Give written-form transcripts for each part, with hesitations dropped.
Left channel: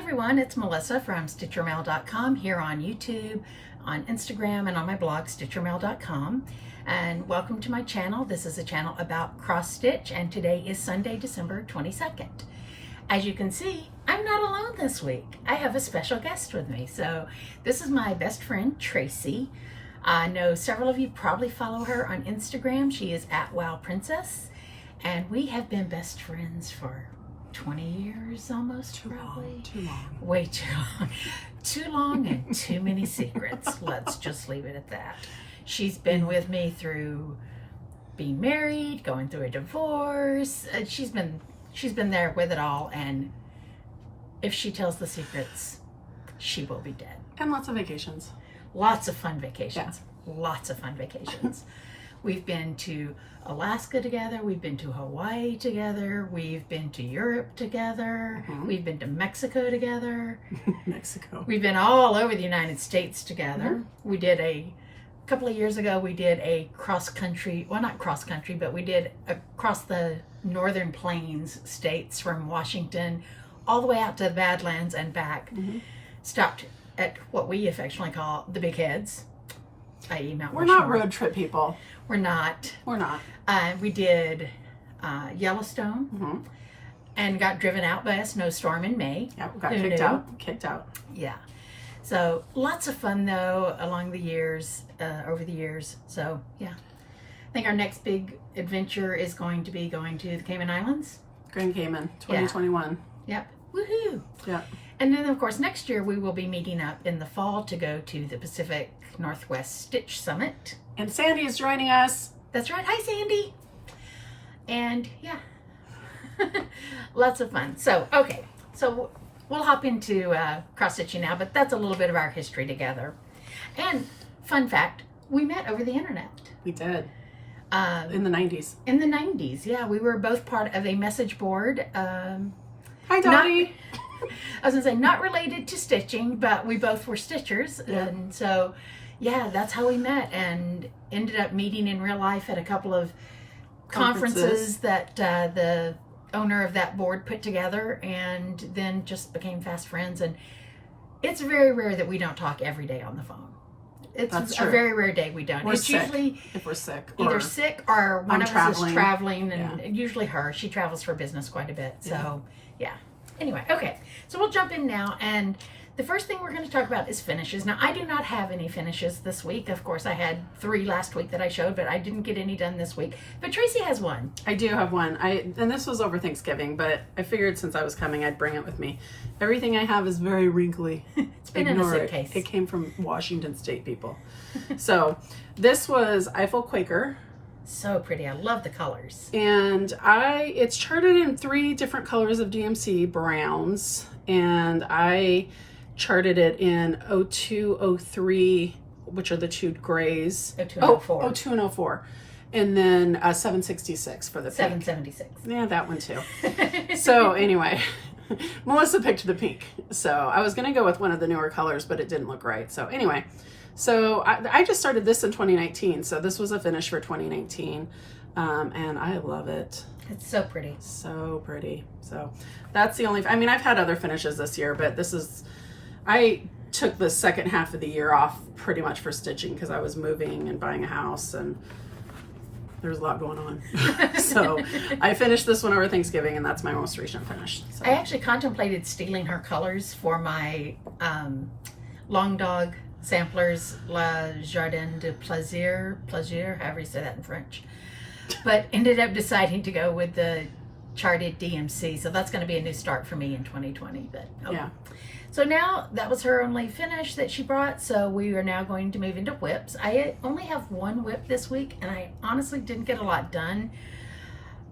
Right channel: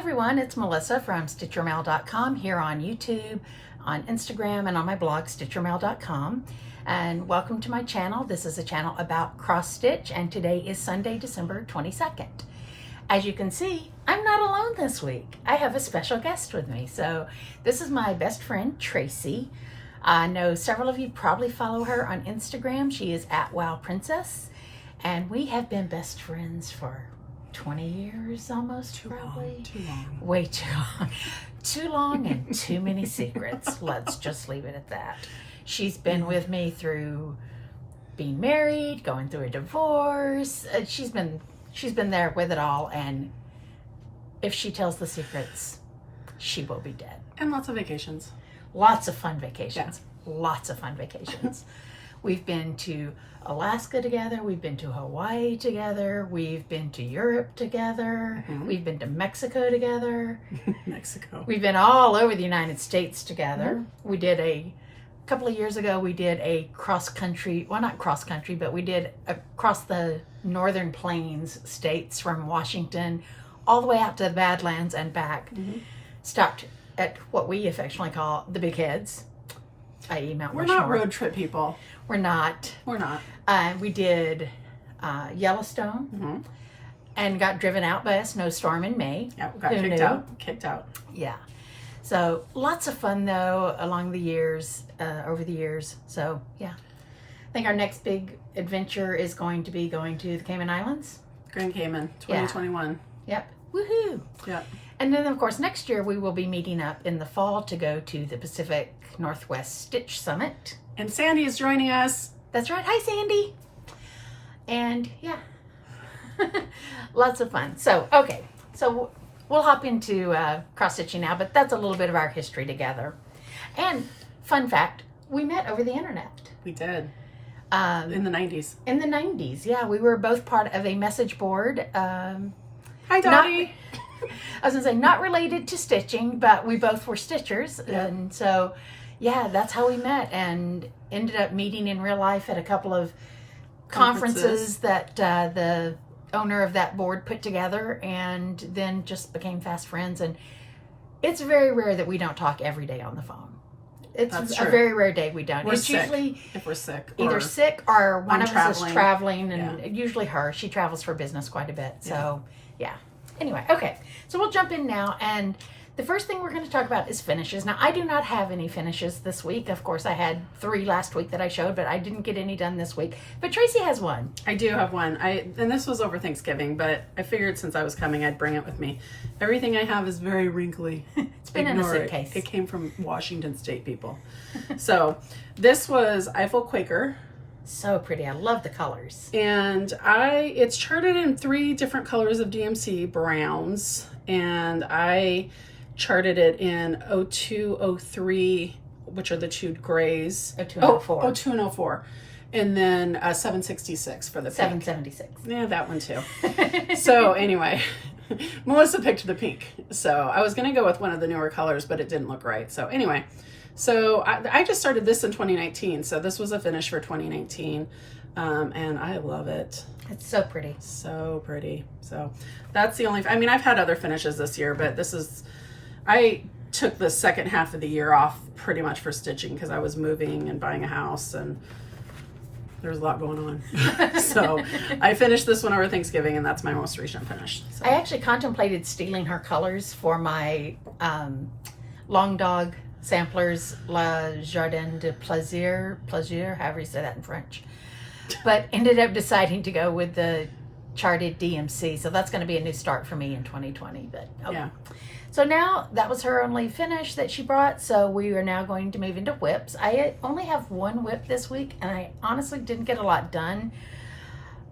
everyone, it's Melissa from StitchYourMail.com here on YouTube, on Instagram, and on my blog, StitchYourMail.com. And welcome to my channel. This is a channel about cross stitch, and today is Sunday, December 22nd. As you can see, I'm not alone this week. I have a special guest with me. So this is my best friend, Tracy. I know several of you probably follow her on Instagram. She is at WowPrincess, and we have been best friends for 20 years almost, Too long. Way too long. Too long and too many secrets. Let's just leave it at that. She's been with me through being married, going through a divorce. She's been there with it all, and if she tells the secrets, she will be dead. And lots of vacations. Lots of fun vacations. Yeah. Lots of fun vacations. We've been to Alaska together. We've been to Hawaii together. We've been to Europe together. Mm-hmm. We've been to Mexico together. Mexico. We've been all over the United States together. Mm-hmm. We did a couple of years ago, we did a cross-country, well, not cross-country, but we did across the northern plains states from Washington all the way out to the Badlands and back. Mm-hmm. Stopped at what we affectionately call the Big Heads, i.e. Mount We're Rushmore. not road trip people. We're not. We're not. We did Yellowstone, mm-hmm. and got driven out by a snowstorm in May. Yeah, we got kicked out. Yeah. So lots of fun though along the years, over the years. So yeah, I think our next big adventure is going to be going to the Cayman Islands. Grand Cayman, 2021. Yeah. Yep. Woohoo. Yep. And then of course next year we will be meeting up in the fall to go to the Pacific Northwest Stitch Summit. And Sandy is joining us. That's right. Hi, Sandy. And yeah, lots of fun. So, okay. So we'll hop into cross stitching now, but that's a little bit of our history together. And fun fact, we met over the internet. We did. In the 90s. In the 90s, yeah. We were both part of a message board. Hi, Dottie. I was going to say, not related to stitching, but we both were stitchers. Yeah. And so, yeah, that's how we met and ended up meeting in real life at a couple of conferences that the owner of that board put together, and then just became fast friends. And it's very rare that we don't talk every day on the phone. It's a very rare day we don't. It's usually if we're sick, either sick or one of us is traveling, and usually her. She travels for business quite a bit. So yeah. Anyway, okay. So we'll jump in now, and the first thing we're going to talk about is finishes. Now, I do not have any finishes this week. Of course, I had 3 last week that I showed, but I didn't get any done this week. But Tracy has one. I do have one. And this was over Thanksgiving, but I figured since I was coming, I'd bring it with me. Everything I have is very wrinkly. It's been in a suitcase. It came from Washington State people. So this was Eiffel Quaker. So pretty. I love the colors. And it's charted in 3 different colors of DMC browns, and I charted it in 02, 03, which are the 2 grays. 02 and 04. 02 and 04. And then 766 for the pink. 776. Yeah, that one too. So anyway, Melissa picked the pink. So I was going to go with one of the newer colors, but it didn't look right. So anyway, so I just started this in 2019. So this was a finish for 2019. And I love it. It's so pretty. So pretty. So that's the only, I've had other finishes this year, but I took the second half of the year off pretty much for stitching because I was moving and buying a house, and there's a lot going on. So I finished this one over Thanksgiving, and that's my most recent finish. So. I actually contemplated stealing her colors for my Long Dog Samplers La Jardin de Plaisir, however you say that in French. But ended up deciding to go with the charted DMC. So that's going to be a new start for me in 2020. But okay. Yeah. So now that was her only finish that she brought. So we are now going to move into whips. I only have 1 whip this week, and I honestly didn't get a lot done.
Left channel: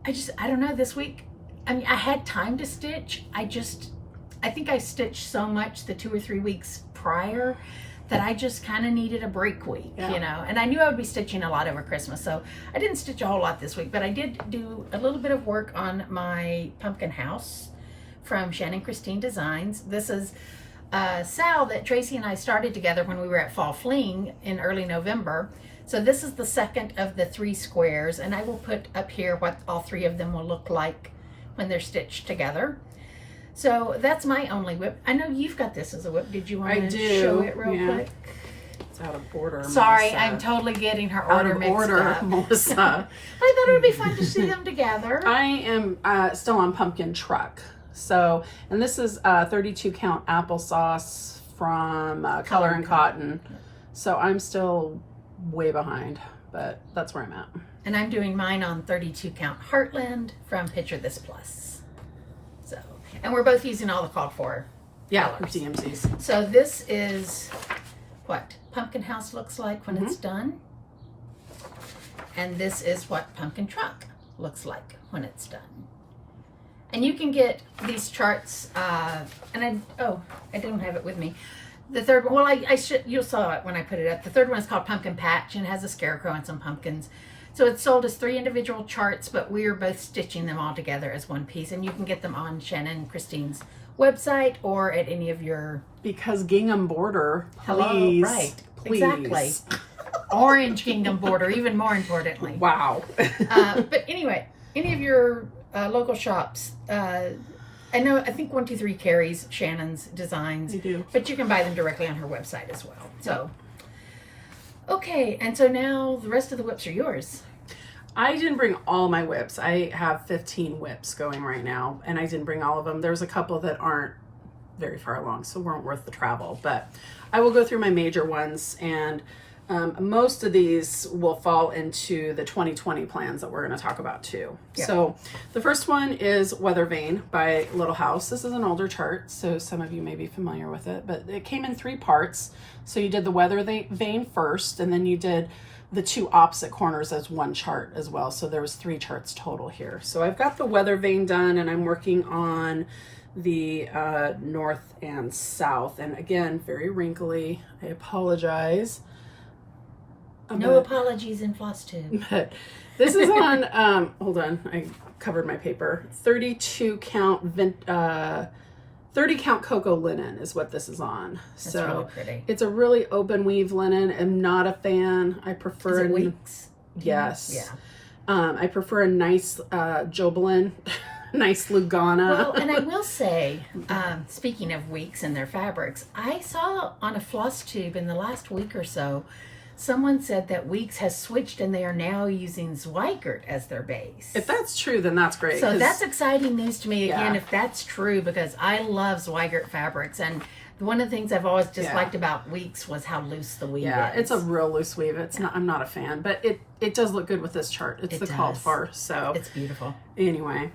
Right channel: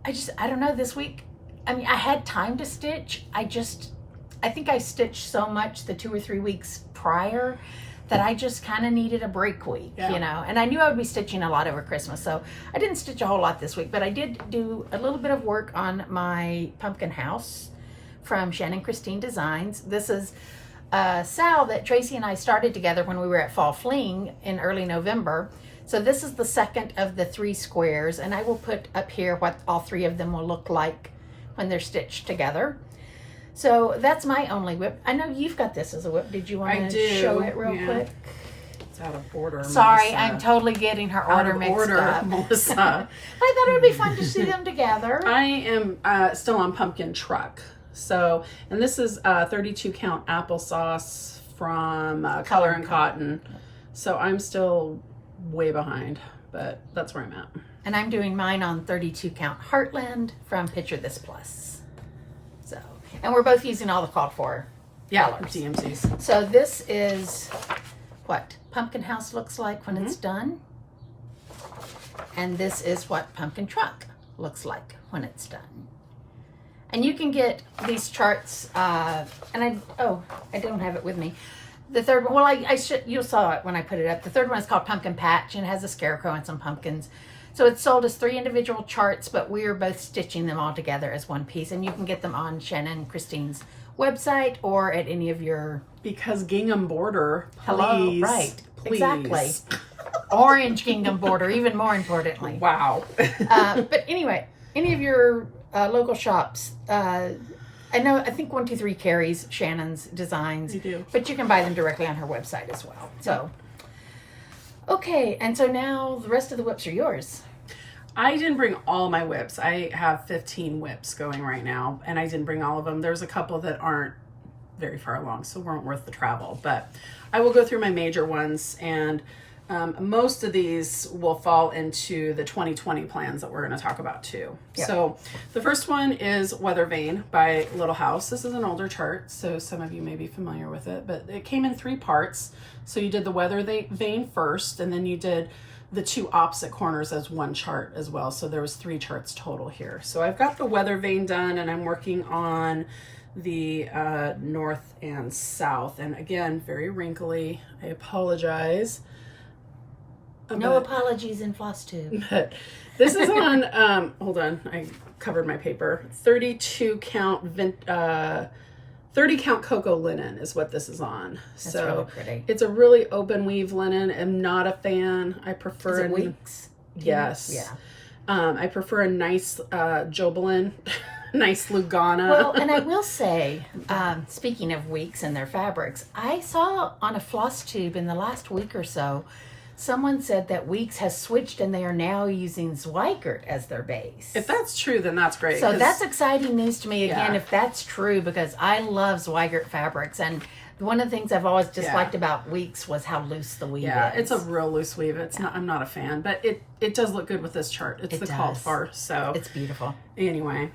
I don't know, this week, I had time to stitch. I think I stitched so much the 2 or 3 weeks prior that I just kind of needed a break week, you know. And I knew I would be stitching a lot over Christmas, so I didn't stitch a whole lot this week, but I did do a little bit of work on my pumpkin house from Shannon Christine Designs. This is a Sal that Tracy and I started together when we were at Fall Fling in early November. So this is the second of the 3 squares, and I will put up here what all 3 of them will look like when they're stitched together. So that's my only whip. I know you've got this as a whip. Did you want I to do, show it real quick? It's out of order. Sorry, Melissa. I'm totally getting her Out order of mixed order, up. Melissa. I thought it would be fun to see them together. I am still on Pumpkin Truck. So, and this is 32 count applesauce from Color and Cotton. So I'm still way behind, but that's where I'm at. And I'm doing mine on 32 count Heartland from Picture This Plus. So, and we're both using all the called for colors. DMCs. So this is what Pumpkin House looks like when it's done. And this is what Pumpkin Truck looks like when it's done. And you can get these charts, and I don't have it with me. The third one, well, I should, you saw it when I put it up. The third one is called Pumpkin Patch and has a scarecrow and some pumpkins. So it's sold as 3 individual charts, but we're both stitching them all together as one piece. And you can get them on Shannon and Christine's website or at any of your... Because gingham border, please. Hello, right. Please. Exactly. Orange gingham border, even more importantly. Wow. But anyway, any of your local shops, I think 123 carries Shannon's designs. They do. But you can buy them directly on her website as well. So, okay, and so now the rest of the whips are yours. I didn't bring all my whips. I have 15 whips going right now, and I didn't bring all of them. There's a couple that aren't very far along, so weren't worth the travel. But I will go through my major ones, and most of these will fall into the 2020 plans that we're going to talk about too. Yeah. So the first one is Weather Vane by Little House. This is an older chart, so some of you may be familiar with it, but it came in 3 parts. So you did the Weather Vane first, and then you did the 2 opposite corners as one chart as well. So there was 3 charts total here. So I've got the Weather Vane done, and I'm working on the north and south. And again, very wrinkly. I apologize. No apologies in Flosstube. But this is on, hold on, I covered my paper. 32 count, 30 count cocoa linen is what this is on. That's so really pretty. It's a really open weave linen. I'm not a fan. I prefer Is it weeks? Yes. Yeah. I prefer a nice Jobelin, nice Lugana. Well, and I will say, speaking of weeks and their fabrics, I saw on a Flosstube in the last week or so, someone said that Weeks has switched and they are now using Zweigert as their base. If that's true, then that's great. So that's exciting news to me again, Yeah. if that's true, because I love Zweigert fabrics. And one of the things I've always disliked about Weeks was how loose the weave is. It's a real loose weave. It's not. I'm not a fan, but it does look good with this chart. It's called for. So it's beautiful. Anyway,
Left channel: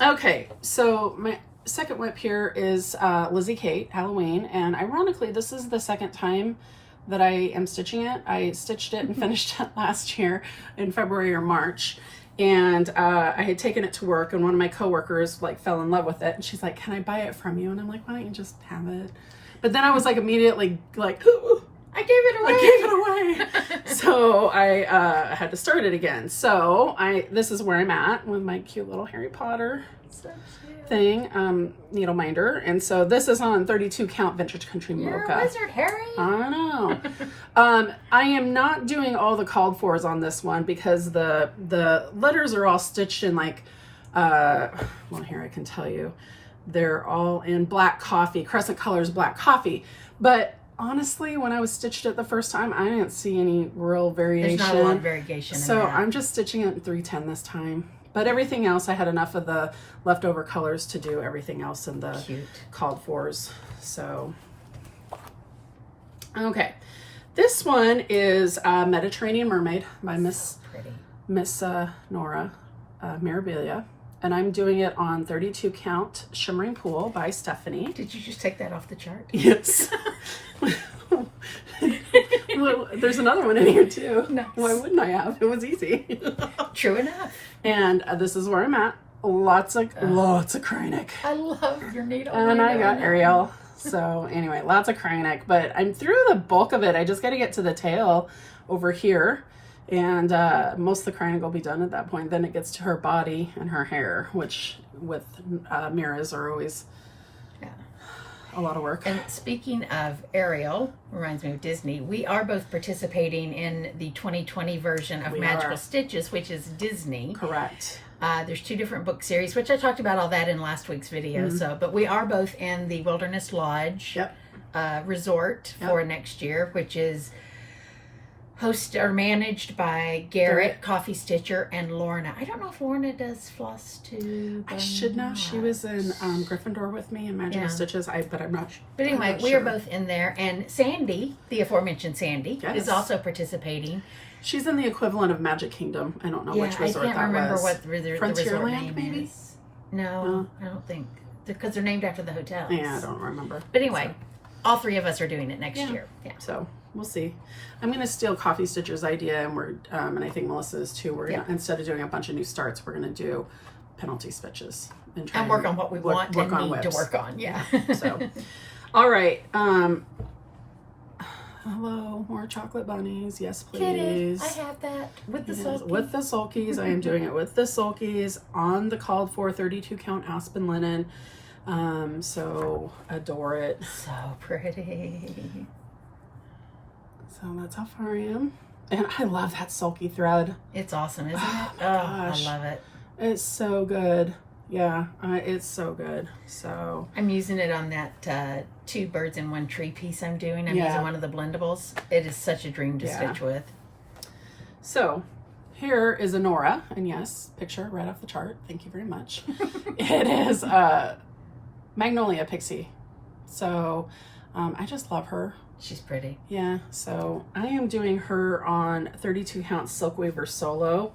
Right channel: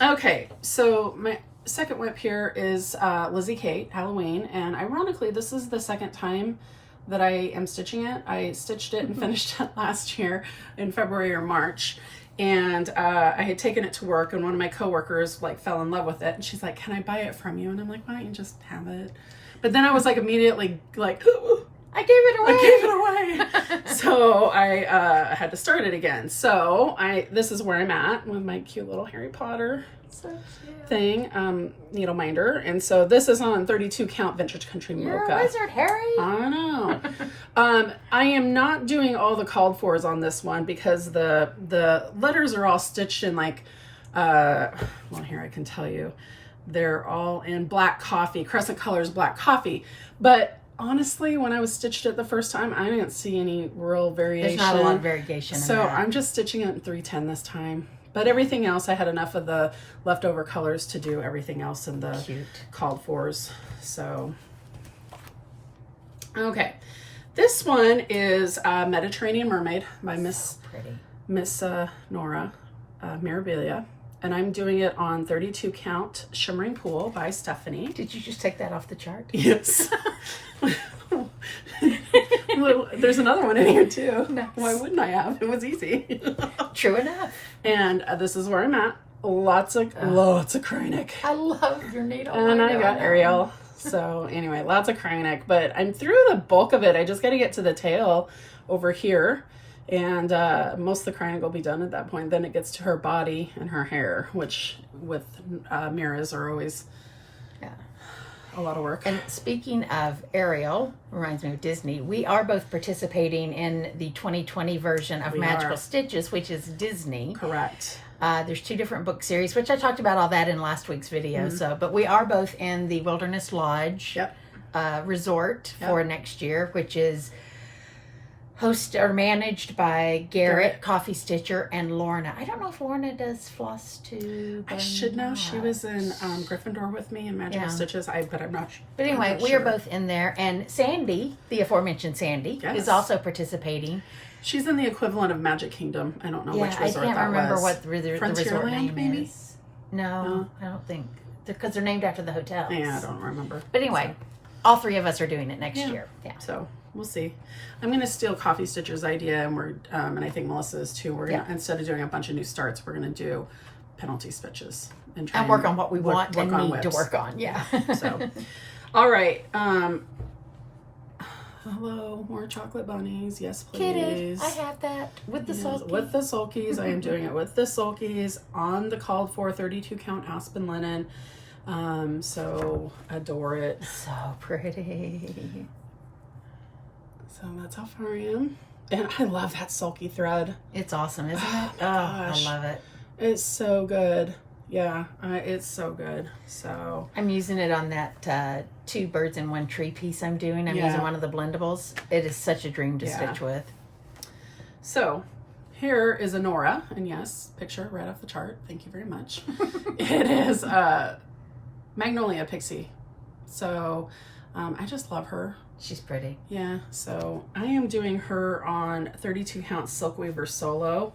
okay. So my second whip here is Lizzie Kate Halloween, and ironically, this is the second time that I am stitching it. I stitched it and finished it last year in February or March. And I had taken it to work, and one of my coworkers like fell in love with it, and she's like, "Can I buy it from you?" And I'm like, "Why don't you just have it?" But then I was like immediately like, I gave it away. I gave it away. So I had to start it again. So this is where I'm at with my cute little Harry Potter thing, needle minder. And so this is on 32 count Vintage Country You're Mocha. a wizard, Harry. I know. I am not doing all the called fors on this one because the letters are all stitched in like, well, here I can tell you, they're all in black coffee, Crescent Colors black coffee. But honestly, when I was stitched it the first time, I didn't see any real variation. There's not a lot of variation. So I'm just stitching it in 310 this time. But everything else, I had enough of the leftover colors to do everything else in the called fors. So, okay. This one is Mediterranean Mermaid by Miss Nora Mirabilia. And I'm doing it on 32 count Shimmering Pool by Stephanie. Did you just take that off the chart? Yes. Well, there's another one in here too. Nice. Why wouldn't I have? It was easy. True enough. And this is where I'm at. Lots of Kreinik. I love your needle. And I got Ariel. So anyway, lots of Kreinik. But I'm through the bulk of it. I just got to get to the tail over here. And most of the Kreinik will be done at that point. Then it gets to her body and her hair, which with mirrors are always a lot of work. And speaking of Ariel, reminds me of Disney, we are both participating in the 2020 version of Magical Stitches, which is Disney. Correct. There's 2 different book series, which I talked about all that in last week's video. So, but we are both in the Wilderness Lodge resort for next year, which is hosted or managed by Garrett, Coffee Stitcher, and Lorna. I don't know if Lorna does Flosstube. I should know. She was in Gryffindor with me in Magical Stitches. But I'm not. But anyway, we are both in there, and Sandy, the aforementioned Sandy, is also participating. She's in the equivalent of Magic Kingdom. I don't know which resort that was. I can't remember what the resort name maybe? is. No, I don't think. Because they're named after the hotels. Yeah, I don't remember. But anyway, all 3 of us are doing it next year. Yeah. So we'll see. I'm going to steal Coffee Stitcher's idea, and and I think Melissa is too. We're gonna, instead of doing a bunch of new starts, we're going to do penalty stitches and try and work on what we want and need to work on. Yeah. So, all right. Hello, more chocolate bunnies. Yes, please. Kitty, I have that with the sulkies. With the sulkies. I am doing it with the sulkies on the called for 32 count aspen linen. So adore it. So pretty. So that's how far I am. And I love that sulky thread. It's awesome, isn't it? Oh, gosh. I love it. It's so good. Yeah, it's so good. So I'm using it on that 2 birds in 1 tree piece I'm doing. I'm using one of the blendables. It is such a dream to stitch with. So here is a Nora, and yes, picture right off the chart. Thank you very much. It is Magnolia Pixie. So I just love her. She's pretty. Yeah, so I am doing her on 32 count Silk Weaver Solo.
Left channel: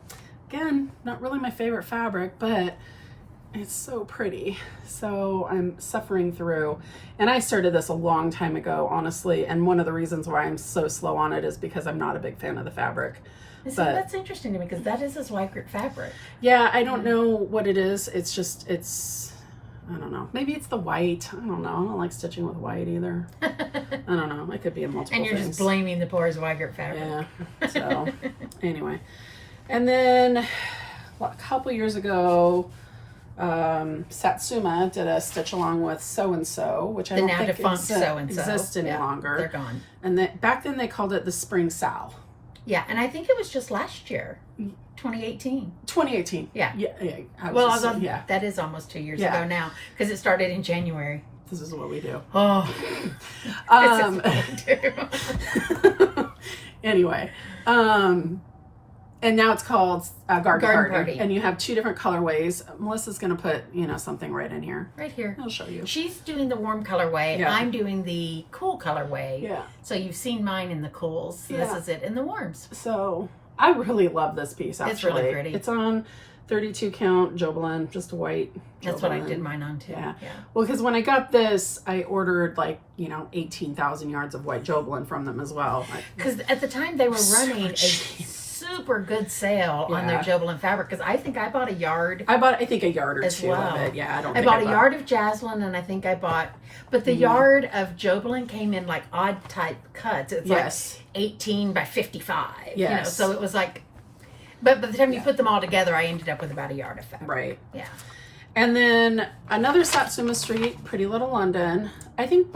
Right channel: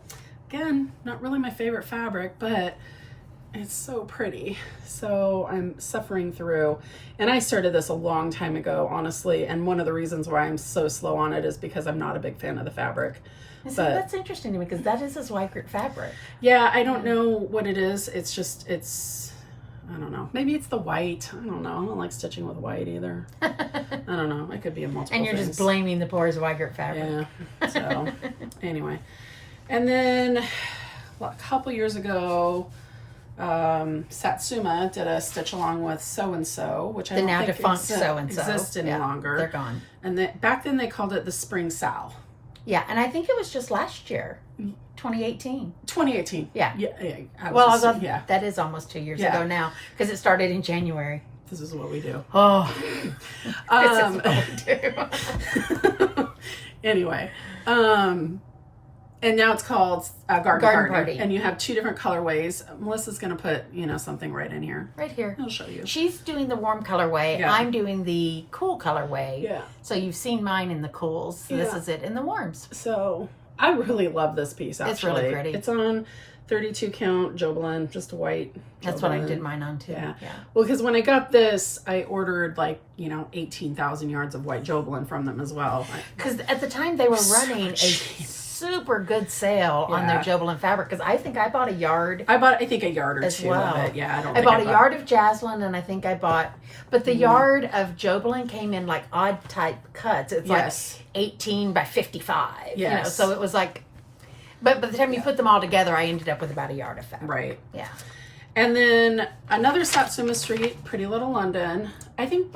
Again, not really my favorite fabric, but it's so pretty. So I'm suffering through, and I started this a long time ago, honestly, and one of the reasons why I'm so slow on it is because I'm not a big fan of the fabric. So that's interesting to me because that is a Zweigrut fabric. Yeah, I don't know what it is. It's just, I don't know. Maybe it's the white. I don't know. I don't like stitching with white either. I don't know. It could be in multiple And you're just blaming the poor Zweigrut fabric. Yeah. So, anyway. And then, a couple years ago, Satsuma did a stitch along with So-and-So, which I don't think exists any longer. They're gone. And back then they called it the Spring Sal. Yeah, and I think it was just last year. 2018. 2018. Yeah. Yeah. That is almost 2 years ago now because it started in January. This is what we do. Oh. This is what we do. Anyway. And now it's called Garden Party. And you have 2 different colorways. Melissa's going to put, something right in here. Right here. I'll show you. She's doing the warm colorway. Yeah. I'm doing the cool colorway. Yeah. So you've seen mine in the cools. So this is it in the warms. So I really love this piece, actually. It's really pretty. It's on 32 count Jobelin, just a white Jobelin. That's what I did mine on too. Yeah. Well, because when I got this, I ordered 18,000 yards of white Jobelin from them as well. Because at the time they were running a super good sale on their Jobelin fabric. Because I think I bought a yard. I think a yard or 2 of it. Yeah, I bought a yard of Jaslyn, and I think I bought, but the yard of Jobelin came in odd type cuts. It's 18 by 55. Yes. So it was but by the time you put them all together, I ended up with about a yard of fabric. Right. Yeah. And then another Satsuma Street, Pretty Little London. I think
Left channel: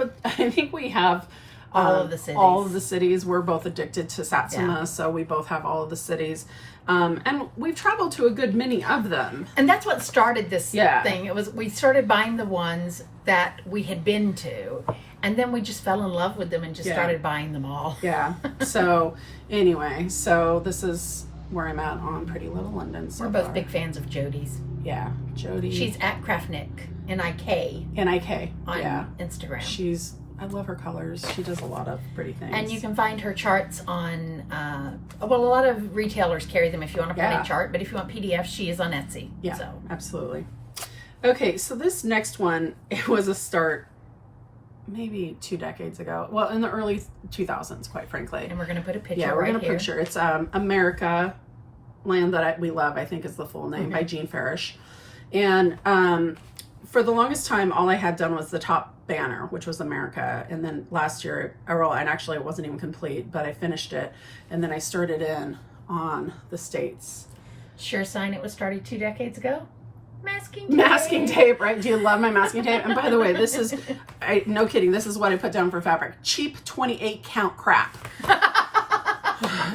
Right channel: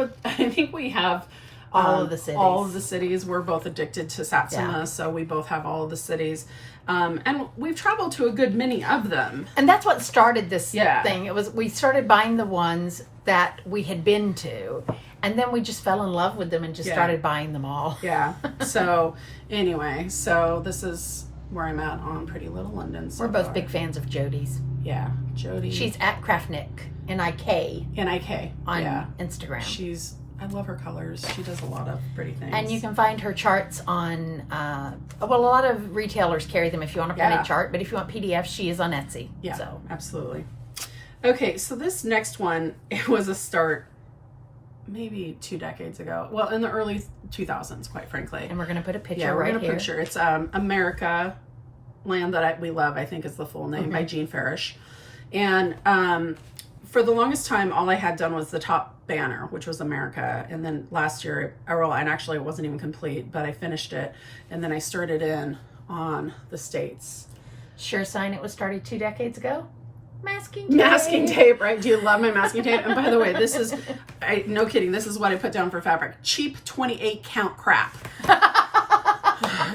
we have all of the cities. All of the cities. We're both addicted to Satsuma, so we both have all of the cities. And we've traveled to a good many of them. And that's what started this thing. It was we started buying the ones that we had been to, and then we just fell in love with them and just started buying them all. Yeah. So anyway, this is where I'm at on Pretty Little London. We're both big fans of Jody's. Yeah, Jody. She's at Craftnik, N-I-K. N-I-K. On Instagram. I love her colors. She does a lot of pretty things. And you can find her charts on, a lot of retailers carry them if you want a printed chart, but if you want PDFs, she is on Etsy. Yeah, so. Absolutely. Okay, so this next one, it was a start maybe 2 decades ago. Well, in the early 2000s, quite frankly. And we're going to put a picture we're going to picture. It's America, Land That We Love, I think is the full name, by Jean Farish. And for the longest time, all I had done was the top banner, which was America. And then last year, and actually it wasn't even complete, but I finished it. And then I started in on the States. Sure sign it was started 2 decades ago? Masking tape. Masking tape, right? Do you love my masking tape? And by the way, this is, no kidding, this is what I put down for fabric. Cheap 28 count crap.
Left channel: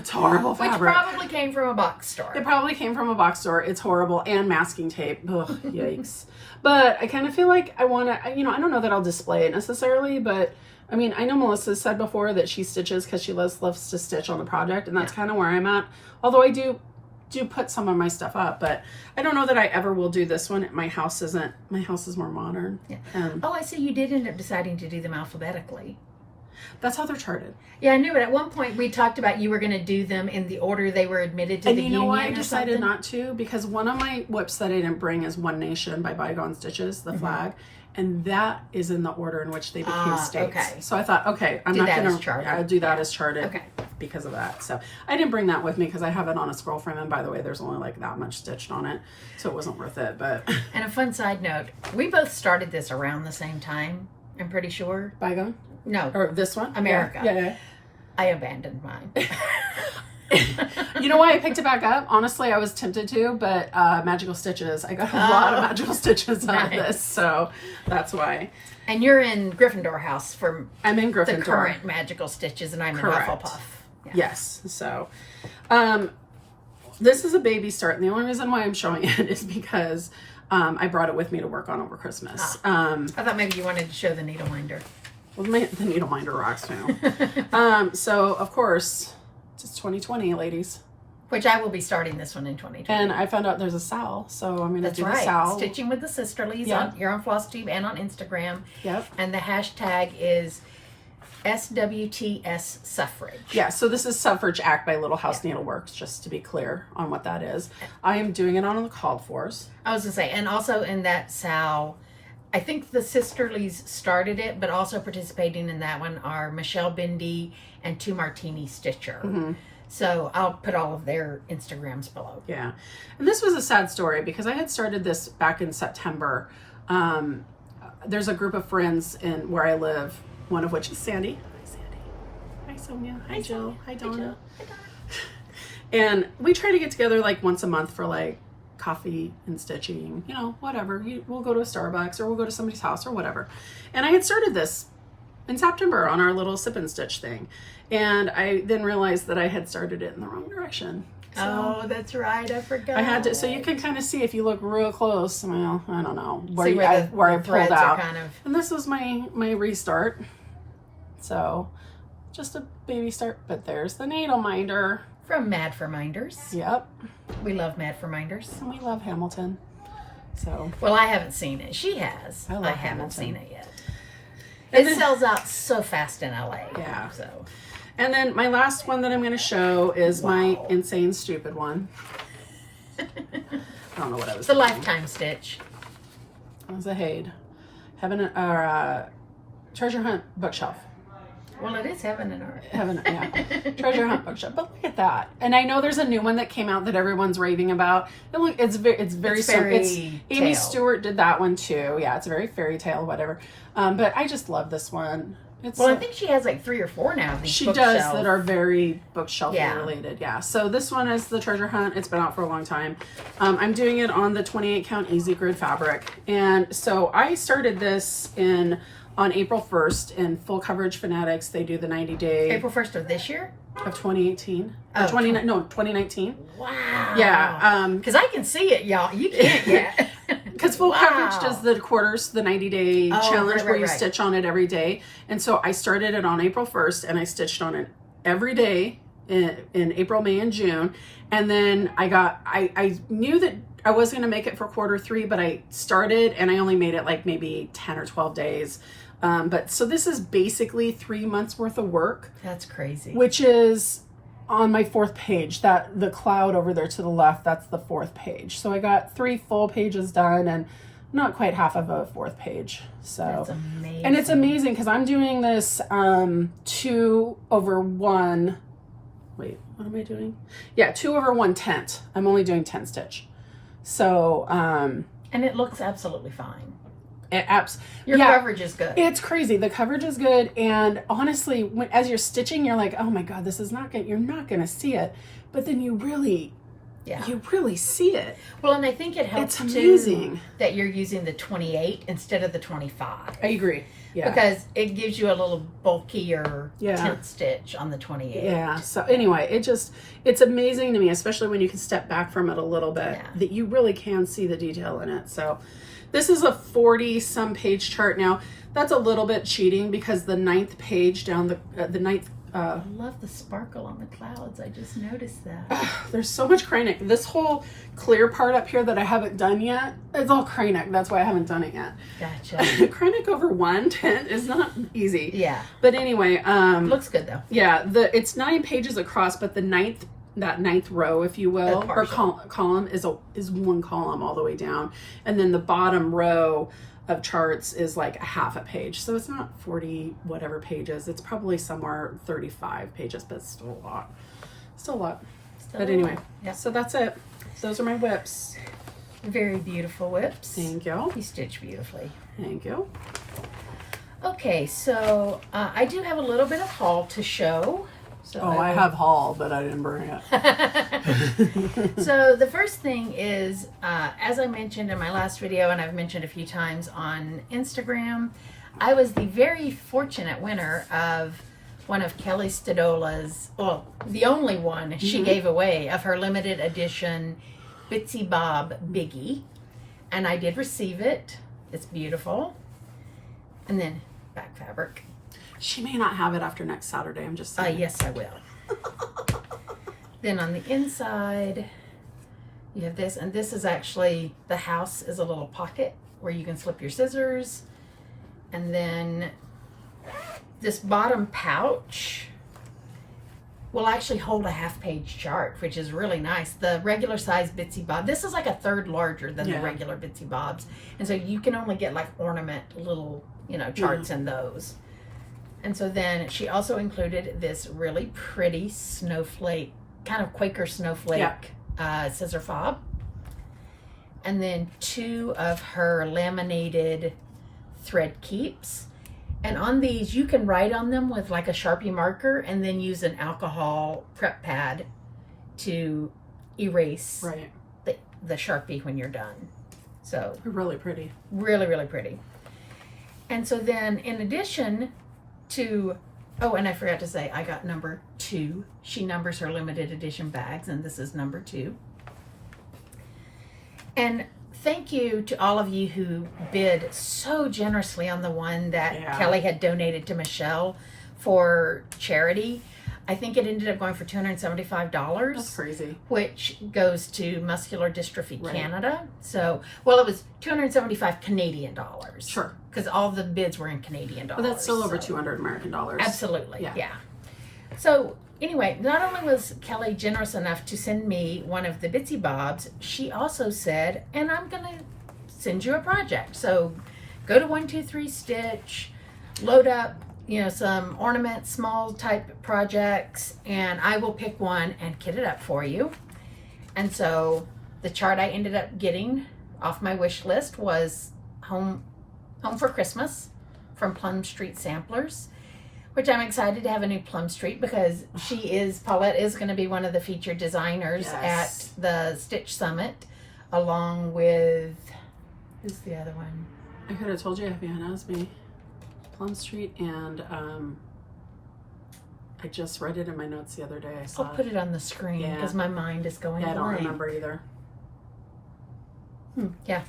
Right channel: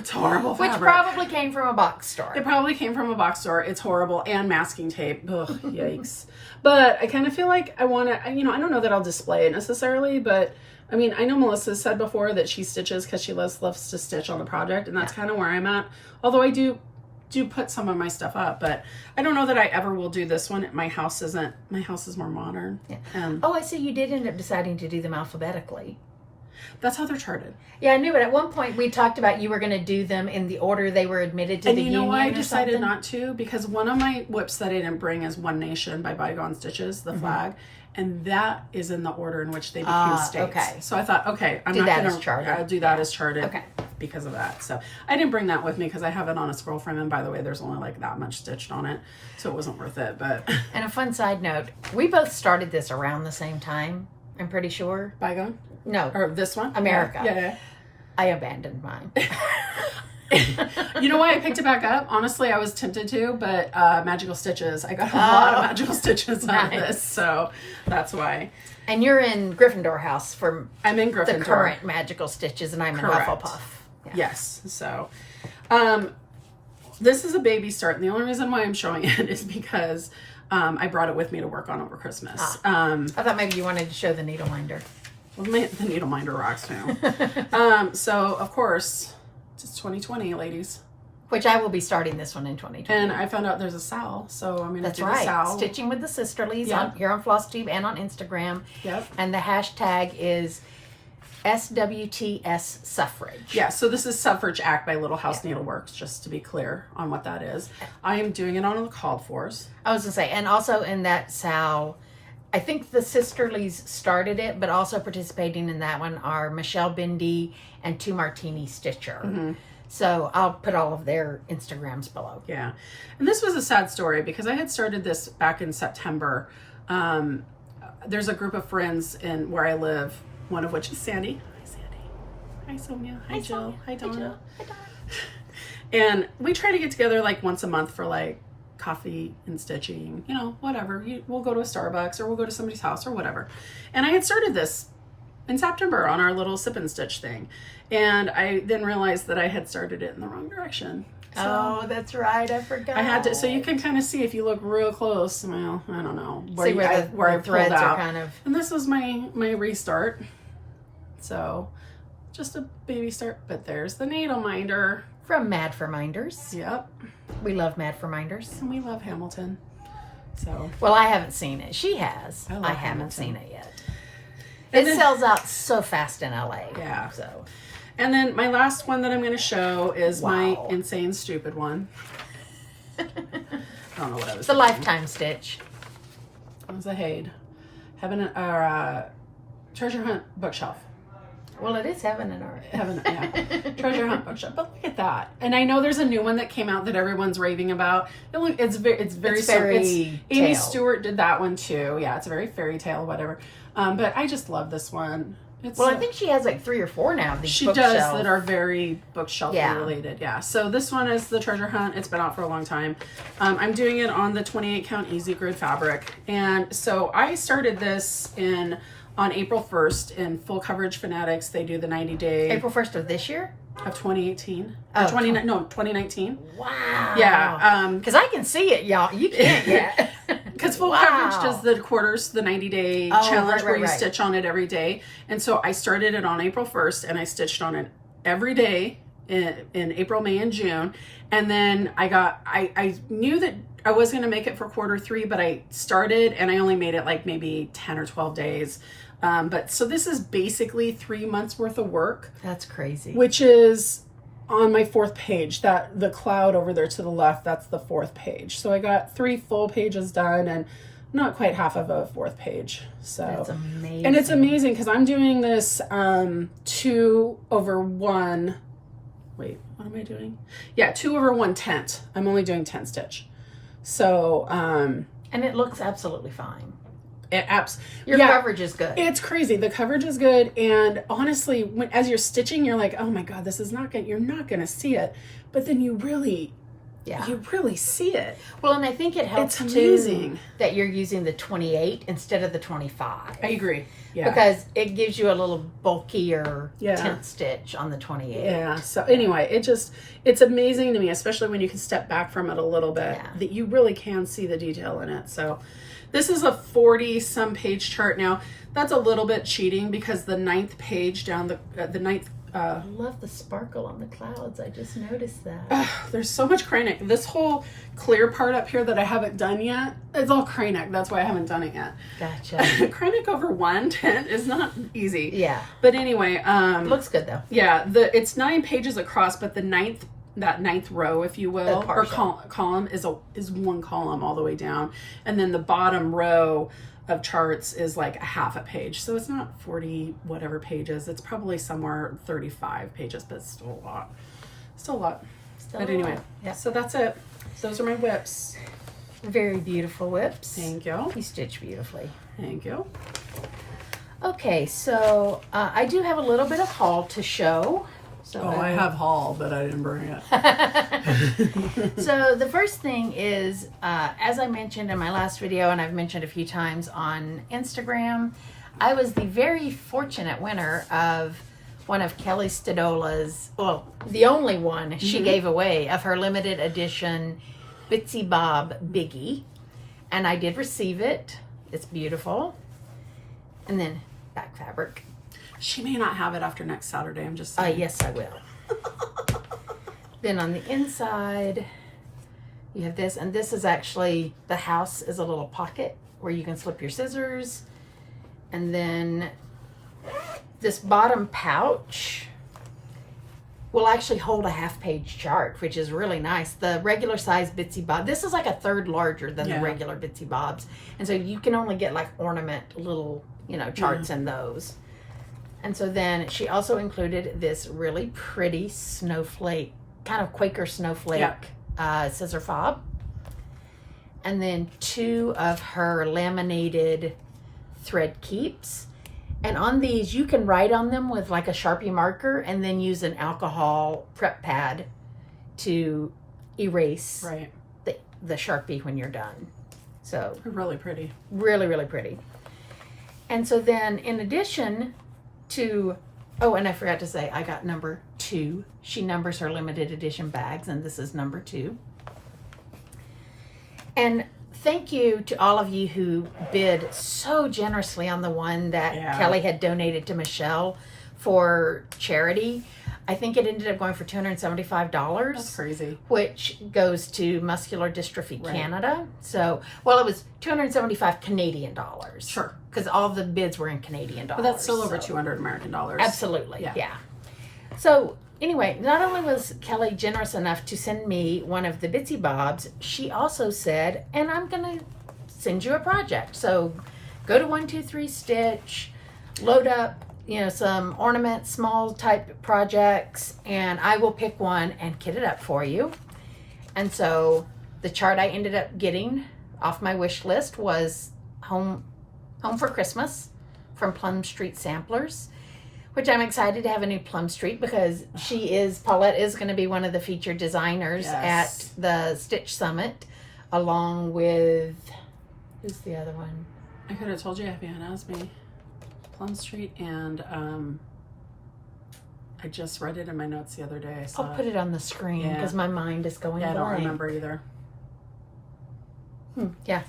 It's horrible Which fabric. probably came from a box store. It probably came from a box store. It's horrible. And masking tape. Ugh, yikes. But I kind of feel like I want to, I don't know that I'll display it necessarily, but I mean, I know Melissa said before that she stitches because she loves to stitch on the project, and that's kind of where I'm at. Although I do put some of my stuff up, but I don't know that I ever will do this one. My house is more modern. Yeah. Oh, I see you did end up deciding to do them alphabetically. That's how they're charted. Yeah, I knew it. At one point we talked about you were going to do them in the order they were admitted to the union. And you know why I decided something? not to? Because one of my whips that I didn't bring is One Nation by Bygone Stitches, the flag. And that is in the order in which they became states. Okay. So I thought, okay, I'm Do not that going as to, charted. I'll do that as charted Okay. because of that. So I didn't bring that with me because I have it on a scroll frame. And by the way, there's only like that much stitched on it. So it wasn't worth it. But And a fun side note, we both started this around the same time, I'm pretty sure. Bygone? No. Or this one? America. Yeah. I abandoned mine. You know why I picked it back up? Honestly, I was tempted to, but Magical Stitches. I got a lot of Magical Stitches out of this. So that's why. And you're in Gryffindor House for I'm in Gryffindor. the current Magical Stitches, and I'm Correct. in Hufflepuff. Yeah. Yes. So, this is a baby start, and the only reason why I'm showing it is because I brought it with me to work on over Christmas. I thought maybe you wanted to show the needle minder. Well, the needle minder rocks too. So of course, it's 2020, ladies, Which I will be starting this one in 2020. and I found out there's a Sal, so I'm going to That's do the right. Sal. Stitching with the Sisterlies here on Flosstube and on Instagram. Yep. And the hashtag is SWTS Suffrage. Yeah, so this is Suffrage Act by Little House Needleworks, just to be clear on what that is. I am doing it on the called fors. I was going to say, and also in that Sal, I think the Sisterlies started it, but also participating in that one are Michelle Bindi and Two Martini Stitcher. So I'll put all of their Instagrams below. Yeah. And this was a sad story because I had started this back in September. There's a group of friends in where I live, one of which is Sandy. Hi, Sandy. Hi, Sonia. Hi, Jill. Hi, Donna. And we try to get together like once a month for like coffee and stitching, whatever. We'll go to a Starbucks or we'll go to somebody's house or whatever. And I had started this in September on our little sip and stitch thing. And I then realized that I had started it in the wrong direction. So Oh, that's right. I forgot. I had to, so you can kind of see if you look real close. Well, I don't know See where where I the pulled threads are out. kind of. And this was my restart. So just a baby start, but there's the needle minder. From Mad for Minders. Yep. We love Mad for Minders. And we love Hamilton. So Well, I haven't seen it. She has. I love haven't Hamilton. seen it yet. And It then- sells out so fast in LA. Yeah. So and then my last one that I'm going to show is my Wow. insane stupid one. I don't know what I was it's a thinking. lifetime stitch. It was a Haid. Treasure Hunt bookshelf. Well, it is heaven and earth. Yeah. Treasure Hunt bookshelf. But look at that. And I know there's a new one that came out that everyone's raving about. It's very It's simple. very Amy tale. Stewart did that one too. Yeah, it's a very fairy tale, whatever. But I just love this one. It's Well, I think she has like 3 or 4 now. These she bookshelf. does that are very bookshelf Yeah. related. Yeah. So this one is the Treasure Hunt. It's been out for a long time. I'm doing it on the 28 count easy grid fabric. And so I started this on April 1st in Full Coverage Fanatics. They do the 90-day April 1st of this year. of 2018 Oh, or 2019. Wow. Yeah. Because I can see it, y'all. You can't yet. Because Full Coverage does the quarters, the 90-day challenge where you right. stitch on it every day. And so I started it on April 1st and I stitched on it every day in April, May, and June. And then I knew that I was going to make it for quarter 3, but I started and I only made it like maybe 10 or 12 days. But so this is basically 3 months worth of work, That's crazy. which is on my 4th page. That the cloud over there to the left, that's the 4th page. So I got 3 full pages done and not quite half of a 4th page. So That's amazing. and it's amazing because I'm doing this 2/1. Wait, what am I doing? Yeah, 2/1 tent. I'm only doing 10 stitch. So And it looks absolutely fine. Your yeah, coverage is good. it's crazy. The coverage is good, and honestly, as you're stitching, you're like, "Oh my god, this is not good." You're not going to see it, but then you really Yeah. you really see it. Well, and I think it helps It's amazing too that you're using the 28 instead of the 25. I agree. Yeah. Because it gives you a little bulkier Yeah. tent stitch on the 28. Yeah. So anyway, it's amazing to me, especially when you can step back from it a little bit, that you really can see the detail in it. So this is a 40-some page chart. Now, that's a little bit cheating because the 9th page down the ninth. I love the sparkle on the clouds. I just noticed that. There's so much Kreinik. This whole clear part up here that I haven't done yet, it's all Kreinik. That's why I haven't done it yet. Gotcha. Kreinik over one tent is not easy. Yeah. But anyway, looks good though. Yeah, it's 9 pages across, but that ninth row, if you will, or column is one column all the way down, and then the bottom row of charts is like a half a page. So it's not 40 whatever pages. It's probably somewhere 35 pages, but it's still a lot. But anyway, so that's it. Those are my whips. Very beautiful whips. Thank you. You stitch beautifully. Thank you. Okay, so I do have a little bit of haul to show. So I have haul, but I didn't bring it. So the first thing is, as I mentioned in my last video, and I've mentioned a few times on Instagram, I was the very fortunate winner of one of Kelly Stadola's, well, the only one she gave away of her limited edition Bitsy Bob Biggie. And I did receive it. It's beautiful. And then back fabric. She may not have it after next Saturday. I'm just saying. Yes, I will. Then on the inside, you have this, and this is actually, the house is a little pocket where you can slip your scissors. And then this bottom pouch will actually hold a half-page chart, which is really nice. The regular size Bitsy Bob, this is like a third larger than the regular Bitsy Bobs. And so you can only get like ornament little, charts in those. And so then she also included this really pretty snowflake, kind of Quaker snowflake scissor fob. And then 2 of her laminated thread keeps. And on these, you can write on them with like a Sharpie marker and then use an alcohol prep pad to erase the Sharpie when you're done. So really pretty. Really, really pretty. And so then in addition to, and I forgot to say, I got number 2. She numbers her limited edition bags, and this is number 2. And thank you to all of you who bid so generously on the one that Kelly had donated to Michelle for charity. I think it ended up going for $275. That's crazy. Which goes to Muscular Dystrophy Canada. So, it was $275 Canadian dollars. Sure. Because all the bids were in Canadian dollars. But that's still over $200 American dollars. Absolutely. Yeah. So, anyway, not only was Kelly generous enough to send me one of the Bitsy Bobs, she also said, and I'm going to send you a project. So, go to 123 Stitch, load up, some ornament, small type projects, and I will pick one and kit it up for you. And so the chart I ended up getting off my wish list was Home for Christmas from Plum Street Samplers, which I'm excited to have a new Plum Street because Paulette is going to be one of the featured designers at the Stitch Summit, along with, who's the other one? I could have told you if you had asked me. Plum Street, and I just read it in my notes the other day. I'll put it on the screen because my mind is going blank. I don't remember either. Yeah.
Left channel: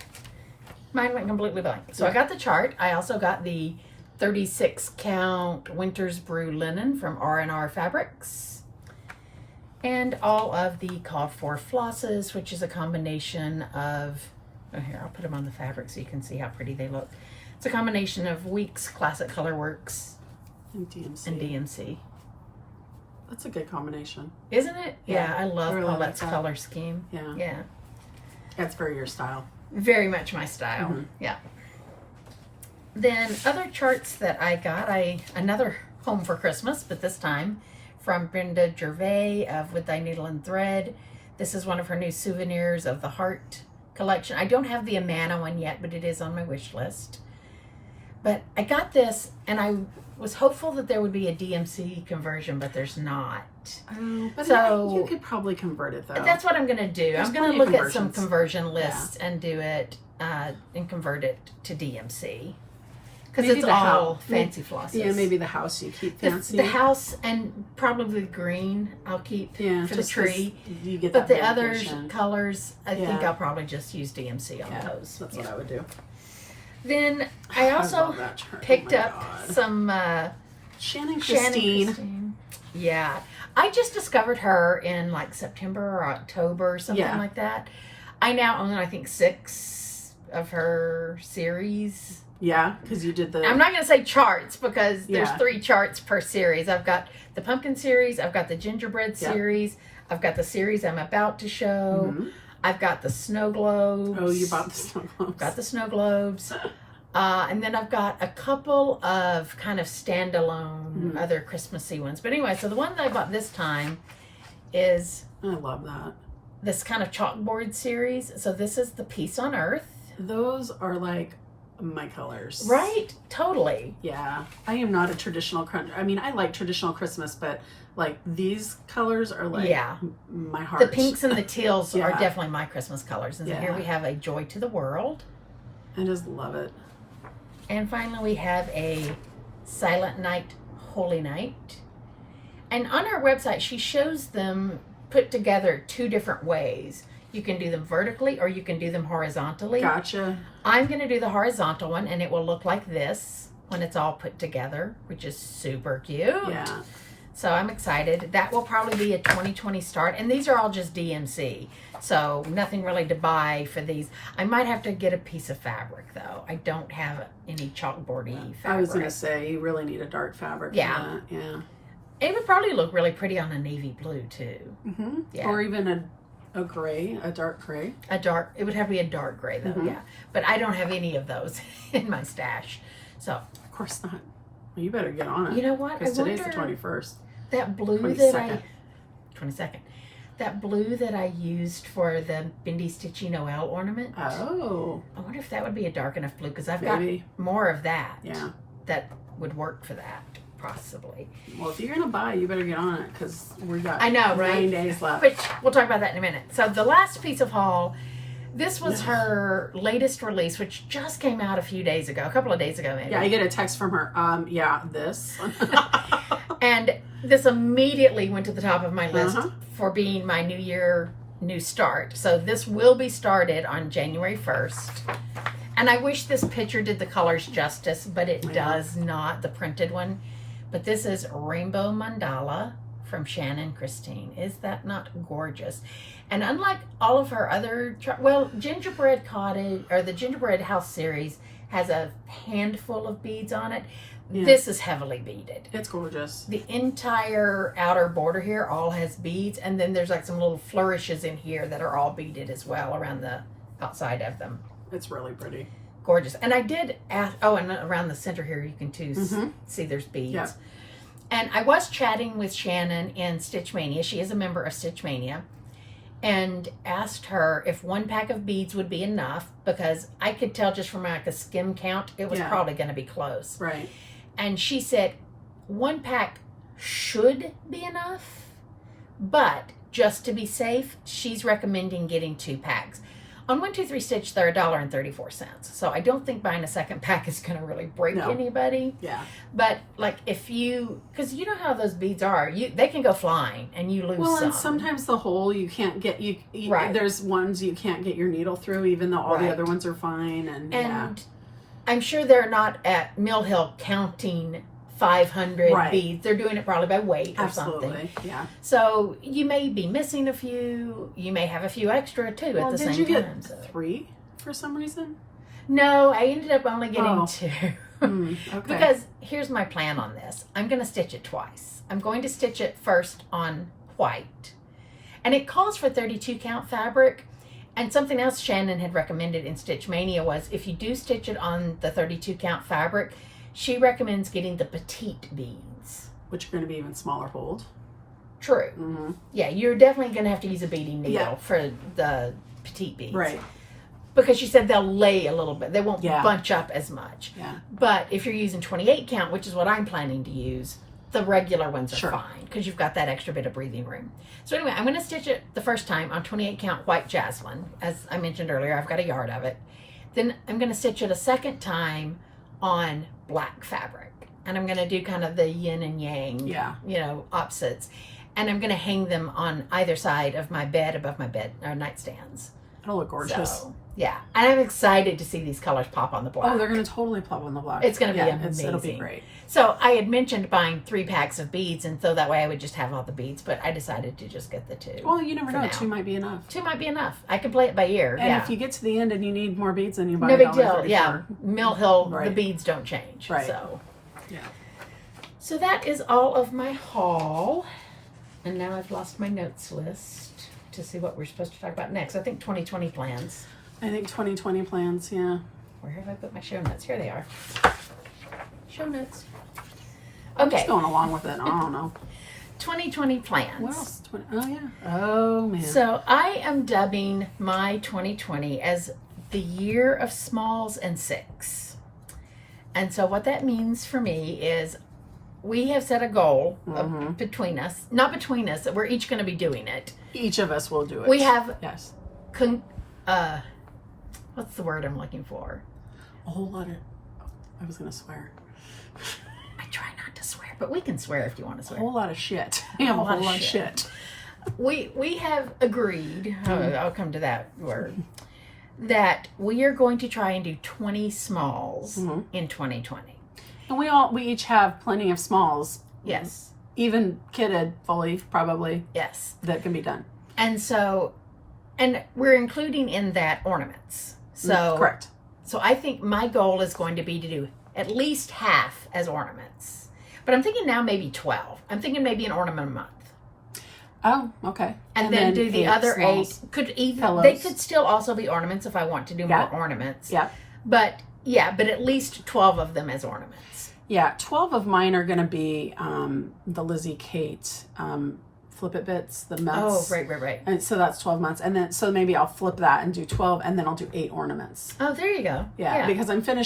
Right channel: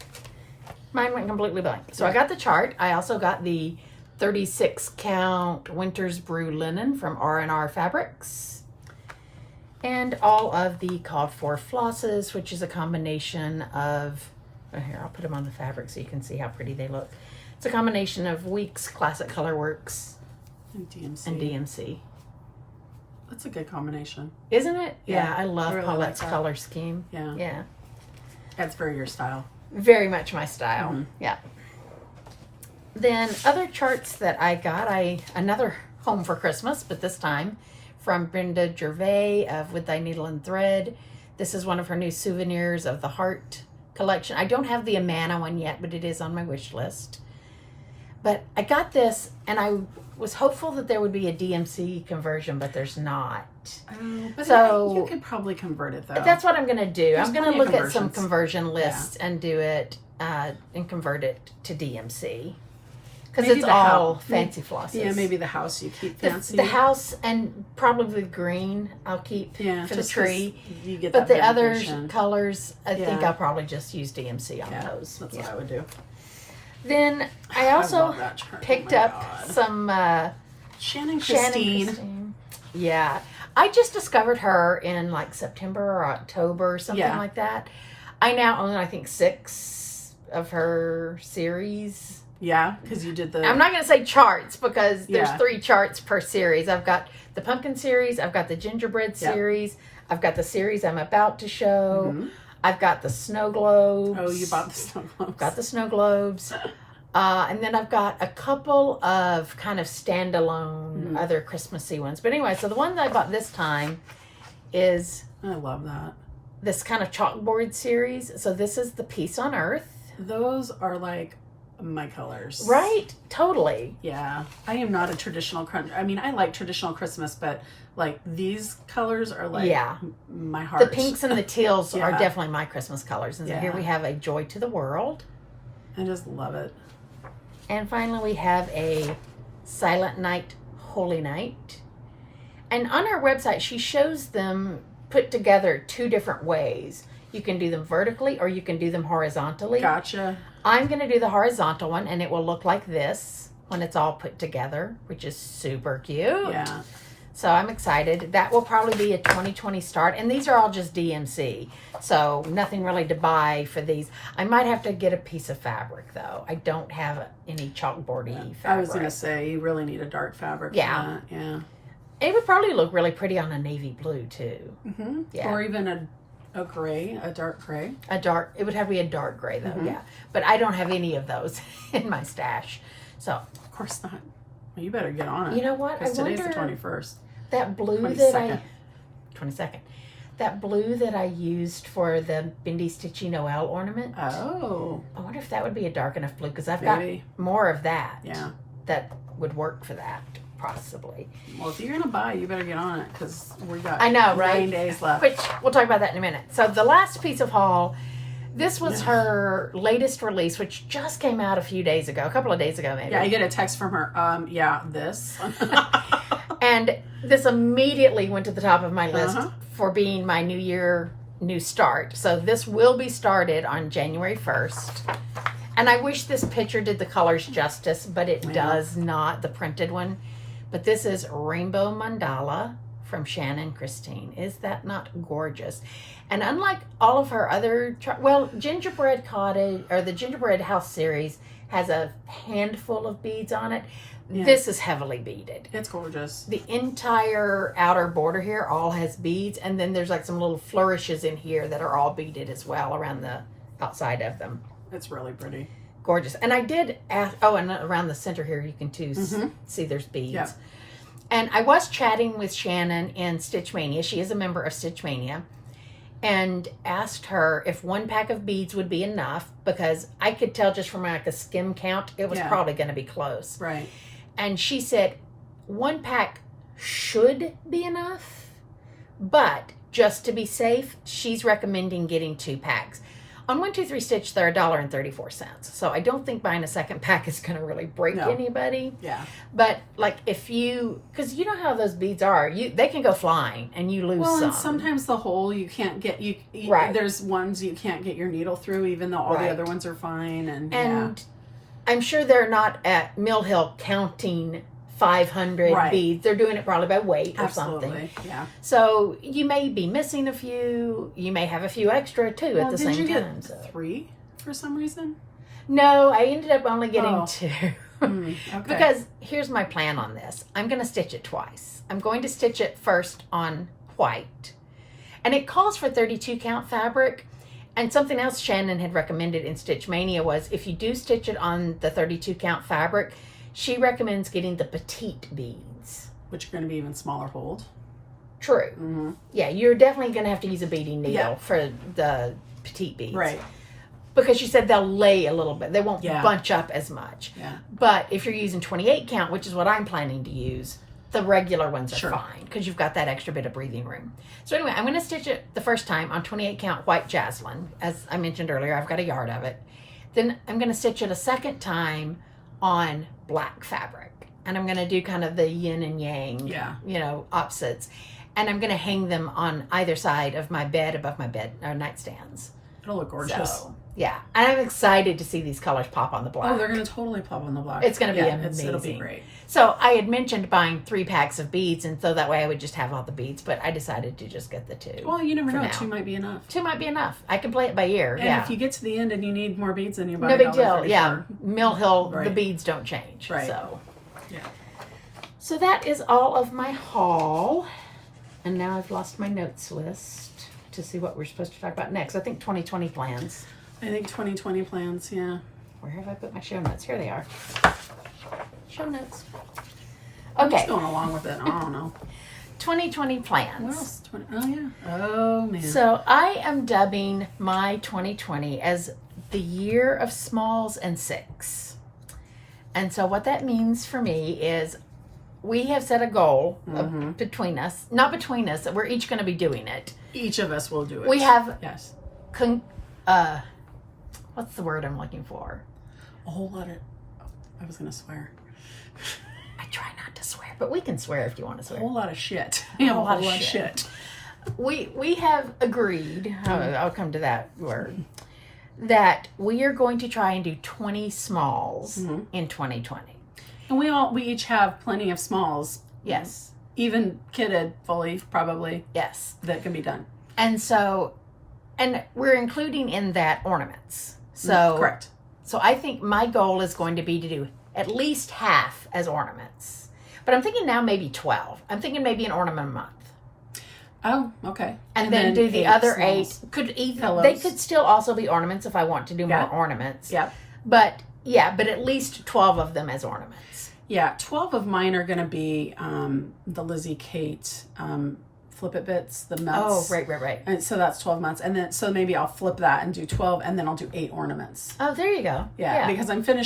Mine went completely blank. So I got the chart. I also got the 36 count Winter's Brew linen from R&R Fabrics. And all of the called for flosses, which is a combination of, here, I'll put them on the fabric so you can see how pretty they look. It's a combination of Weeks, Classic Colorworks, and DMC. That's a good combination. Isn't it? Yeah, I love really Paulette's like color scheme. Yeah. That's very your style. Very much my style. Yeah. Then other charts that I got, another Home for Christmas, but this time from Brenda Gervais of With Thy Needle and Thread. This is one of her new souvenirs of the Heart collection. I don't have the Amana one yet, but it is on my wish list. But I got this, and I was hopeful that there would be a DMC conversion, but there's not. Oh, but So- you could probably convert it though. That's what I'm going to do. There's I'm going to plenty of look at some conversions. conversion lists and do it and convert it to DMC. Because Maybe it's the all house- fancy flosses. Yeah, maybe the house you keep fancy. The house and probably the green I'll keep for the just 'cause tree. You get But that the other variation. colors, I think Yeah. I'll probably just use DMC on Yeah, those. that's what I would do. Then I also love that chart. picked Oh my up God. some Shannon Shannon Christine. Christine. Yeah. I just discovered her in like September or October, something Yeah. like that. I now own, I think, 6 of her series. Yeah, because you did the. I'm not going to say charts because there's Yeah. 3 charts per series. I've got the pumpkin series, I've got the gingerbread Yep. series, I've got the series I'm about to show, Mhm. I've got the snow globes. Oh, you bought the snow globes. Got the snow globes. And then I've got a couple of kind of standalone other Christmassy ones. But anyway, so the one that I bought this time is I love that. this kind of chalkboard series. So this is the Peace on Earth. Those are like my colors. Right? Totally. Yeah. I am not a traditional I mean, I like traditional Christmas, but like these colors are like Yeah. my heart. The pinks and the teals Yeah. are definitely my Christmas colors. And so here Yeah. we have a Joy to the World. I just love it. And finally we have a Silent Night, Holy Night. And on our website, she shows them put together 2 different ways. You can do them vertically or you can do them horizontally. Gotcha. I'm going to do the horizontal one and it will look like this when it's all put together, which is super cute. Yeah. So I'm excited. That will probably be a 2020 start. And these are all just DMC. So nothing really to buy for these. I might have to get a piece of fabric though. I don't have any chalkboardy fabric. I was going to say, you really need a dark fabric Yeah. for that. Yeah. It would probably look really pretty on a navy blue too. Mm-hmm. Yeah. Or even a gray, a dark gray. It would have to be a dark gray though, yeah. But I don't have any of those in my stash. So, Of course not. Well, you better get on it. you know what? I Because today's the wonder 21st. that blue 22nd. 22nd. That blue that I used for the Bendy Stitchy Noel ornament. Oh. I wonder if that would be a dark enough blue because I've Maybe. got more of that. Yeah. That would work for that, possibly. Well, if you're going to buy, you better get on it because we got I know, right? 9 days left. Which we'll talk about that in a minute. So the last piece of haul, this was her latest release, which just came out a couple of days ago maybe. Yeah, I get a text from her. This. And this immediately went to the top of my list Uh-huh. for being my new start. So this will be started on January 1st. And I wish this picture did the colors justice, but it does not, the printed one. But this is Rainbow Mandala from Shannon Christine. Is that not gorgeous? And unlike all of her other, Gingerbread Cottage, or the Gingerbread House series, has a handful of beads on it. Yeah. This is heavily beaded. It's gorgeous. The entire outer border here all has beads, and then there's like some little flourishes in here that are all beaded as well around the outside of them. It's really pretty. Gorgeous. And I did ask, and around the center here you can too see there's beads. Yep. And I was chatting with Shannon in Stitch Mania. She is a member of Stitch Mania. And asked her if 1 pack of beads would be enough, because I could tell just from like a skim count, it was probably going to be close. Right. And she said 1 pack should be enough, but just to be safe, she's recommending getting 2 packs. On 123 Stitch, they're $1.34. So I don't think buying a second pack is going to really break anybody. Yeah. But like if because you know how those beads are, they can go flying and you lose some. And sometimes the hole you can't get, Right. There's ones you can't get your needle through, even though all the other ones are fine. And I'm sure they're not at Mill Hill counting 500 beads. They're doing it probably by weight or something. Yeah. So you may be missing a few. You may have a few extra too at the same Did you time. get 3 for some reason? No, I ended up only getting 2. Okay. Because here's my plan on this. I'm going to stitch it twice. I'm going to stitch it first on white. And it calls for 32 count fabric. And something else Shannon had recommended in Stitch Mania was if you do stitch it on the 32 count fabric, she recommends getting the petite beads. Which are going to be even smaller hold. True. Mm-hmm. Yeah, you're definitely going to have to use a beading needle for the petite beads. Right. because she said they'll lay a little bit. They won't Yeah. bunch up as much. Yeah. But if you're using 28 count, which is what I'm planning to use, the regular ones are Sure. fine because you've got that extra bit of breathing room. So anyway, I'm going to stitch it the first time on 28 count white jasmine. As I mentioned earlier, I've got a yard of it. Then I'm going to stitch it a second time on black fabric. And I'm going to do kind of the yin and yang, Yeah. you know, opposites. And I'm going to hang them on either side of my bed, above my bed, or nightstands. It'll look gorgeous. So, yeah. And I'm excited to see these colors pop on the black. Oh, they're going to totally pop on the black. It's going to be yeah, amazing. It'll be great. So I had mentioned buying 3 packs of beads, and so that way I would just have all the beads, but I decided to just get the 2. Well, you never for know. now. 2 might be enough. 2 might be enough. I can play it by ear. And yeah. if you get to the end and you need more beads, then you buy No big deal. $1.34. Yeah. Mill Hill, the Right. beads don't change. Right. So. Yeah. So that is all of my haul. And now I've lost my notes list to see what we're supposed to talk about next. I think 2020 plans. I think 2020 plans, yeah. Where have I put my show notes? Here they are. Show notes. I'm Okay. just going along with it. I don't know. 2020 plans. What else? Oh, yeah. Oh, man. So I am dubbing my 2020 as the year of smalls and 6. And so what that means for me is we have set a goal between us, not between us, we're each going to be doing it. Each of us will do it. We have, Yes. what's the word I'm looking for? A whole lot of... I was going to swear. I try not to swear, but we can swear if you want to A swear. whole lot of shit. We have a whole lot of shit. We have agreed, I'll come to that word, that we are going to try and do 20 smalls in 2020. And we each have plenty of smalls. Yes. Even kitted fully, probably, Yes. that can be done. And so, and we're including in that ornaments. So, Correct. So I think my goal is going to be to do at least half as ornaments. But I'm thinking now maybe 12. I'm thinking maybe an ornament a month. Oh, okay. And then do the 8 other smalls. 8. Could either Pillows. they could still also be ornaments if I want to do more Yeah. ornaments. Yeah. But at least 12 of them as ornaments. Yeah, 12 of mine are going to be the Lizzie Kate Flip It Bits, the months. Oh, right. And so that's 12 months. And then, so maybe I'll flip that and do 12, and then I'll do 8 ornaments. Oh, there you go. Yeah, because I'm going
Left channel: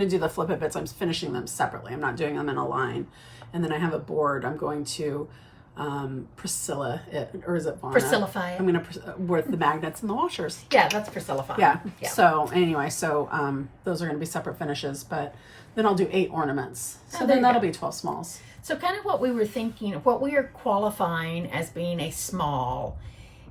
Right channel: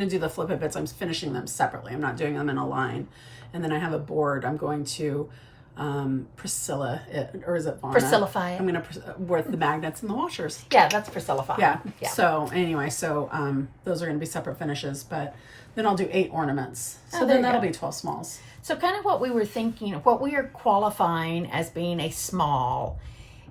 to do the Flip It Bits. I'm finishing them separately. I'm not doing them in a line. And then I have a board. I'm going to Priscilla, or is it Vonna? Priscillify it. I'm going to, with the magnets and the washers. Yeah, that's Priscillify. Yeah. So anyway, those are going to be separate finishes, but then I'll do 8 ornaments. So there then you that'll go. be 12 smalls. So kind of what we were thinking, what we are qualifying as being a small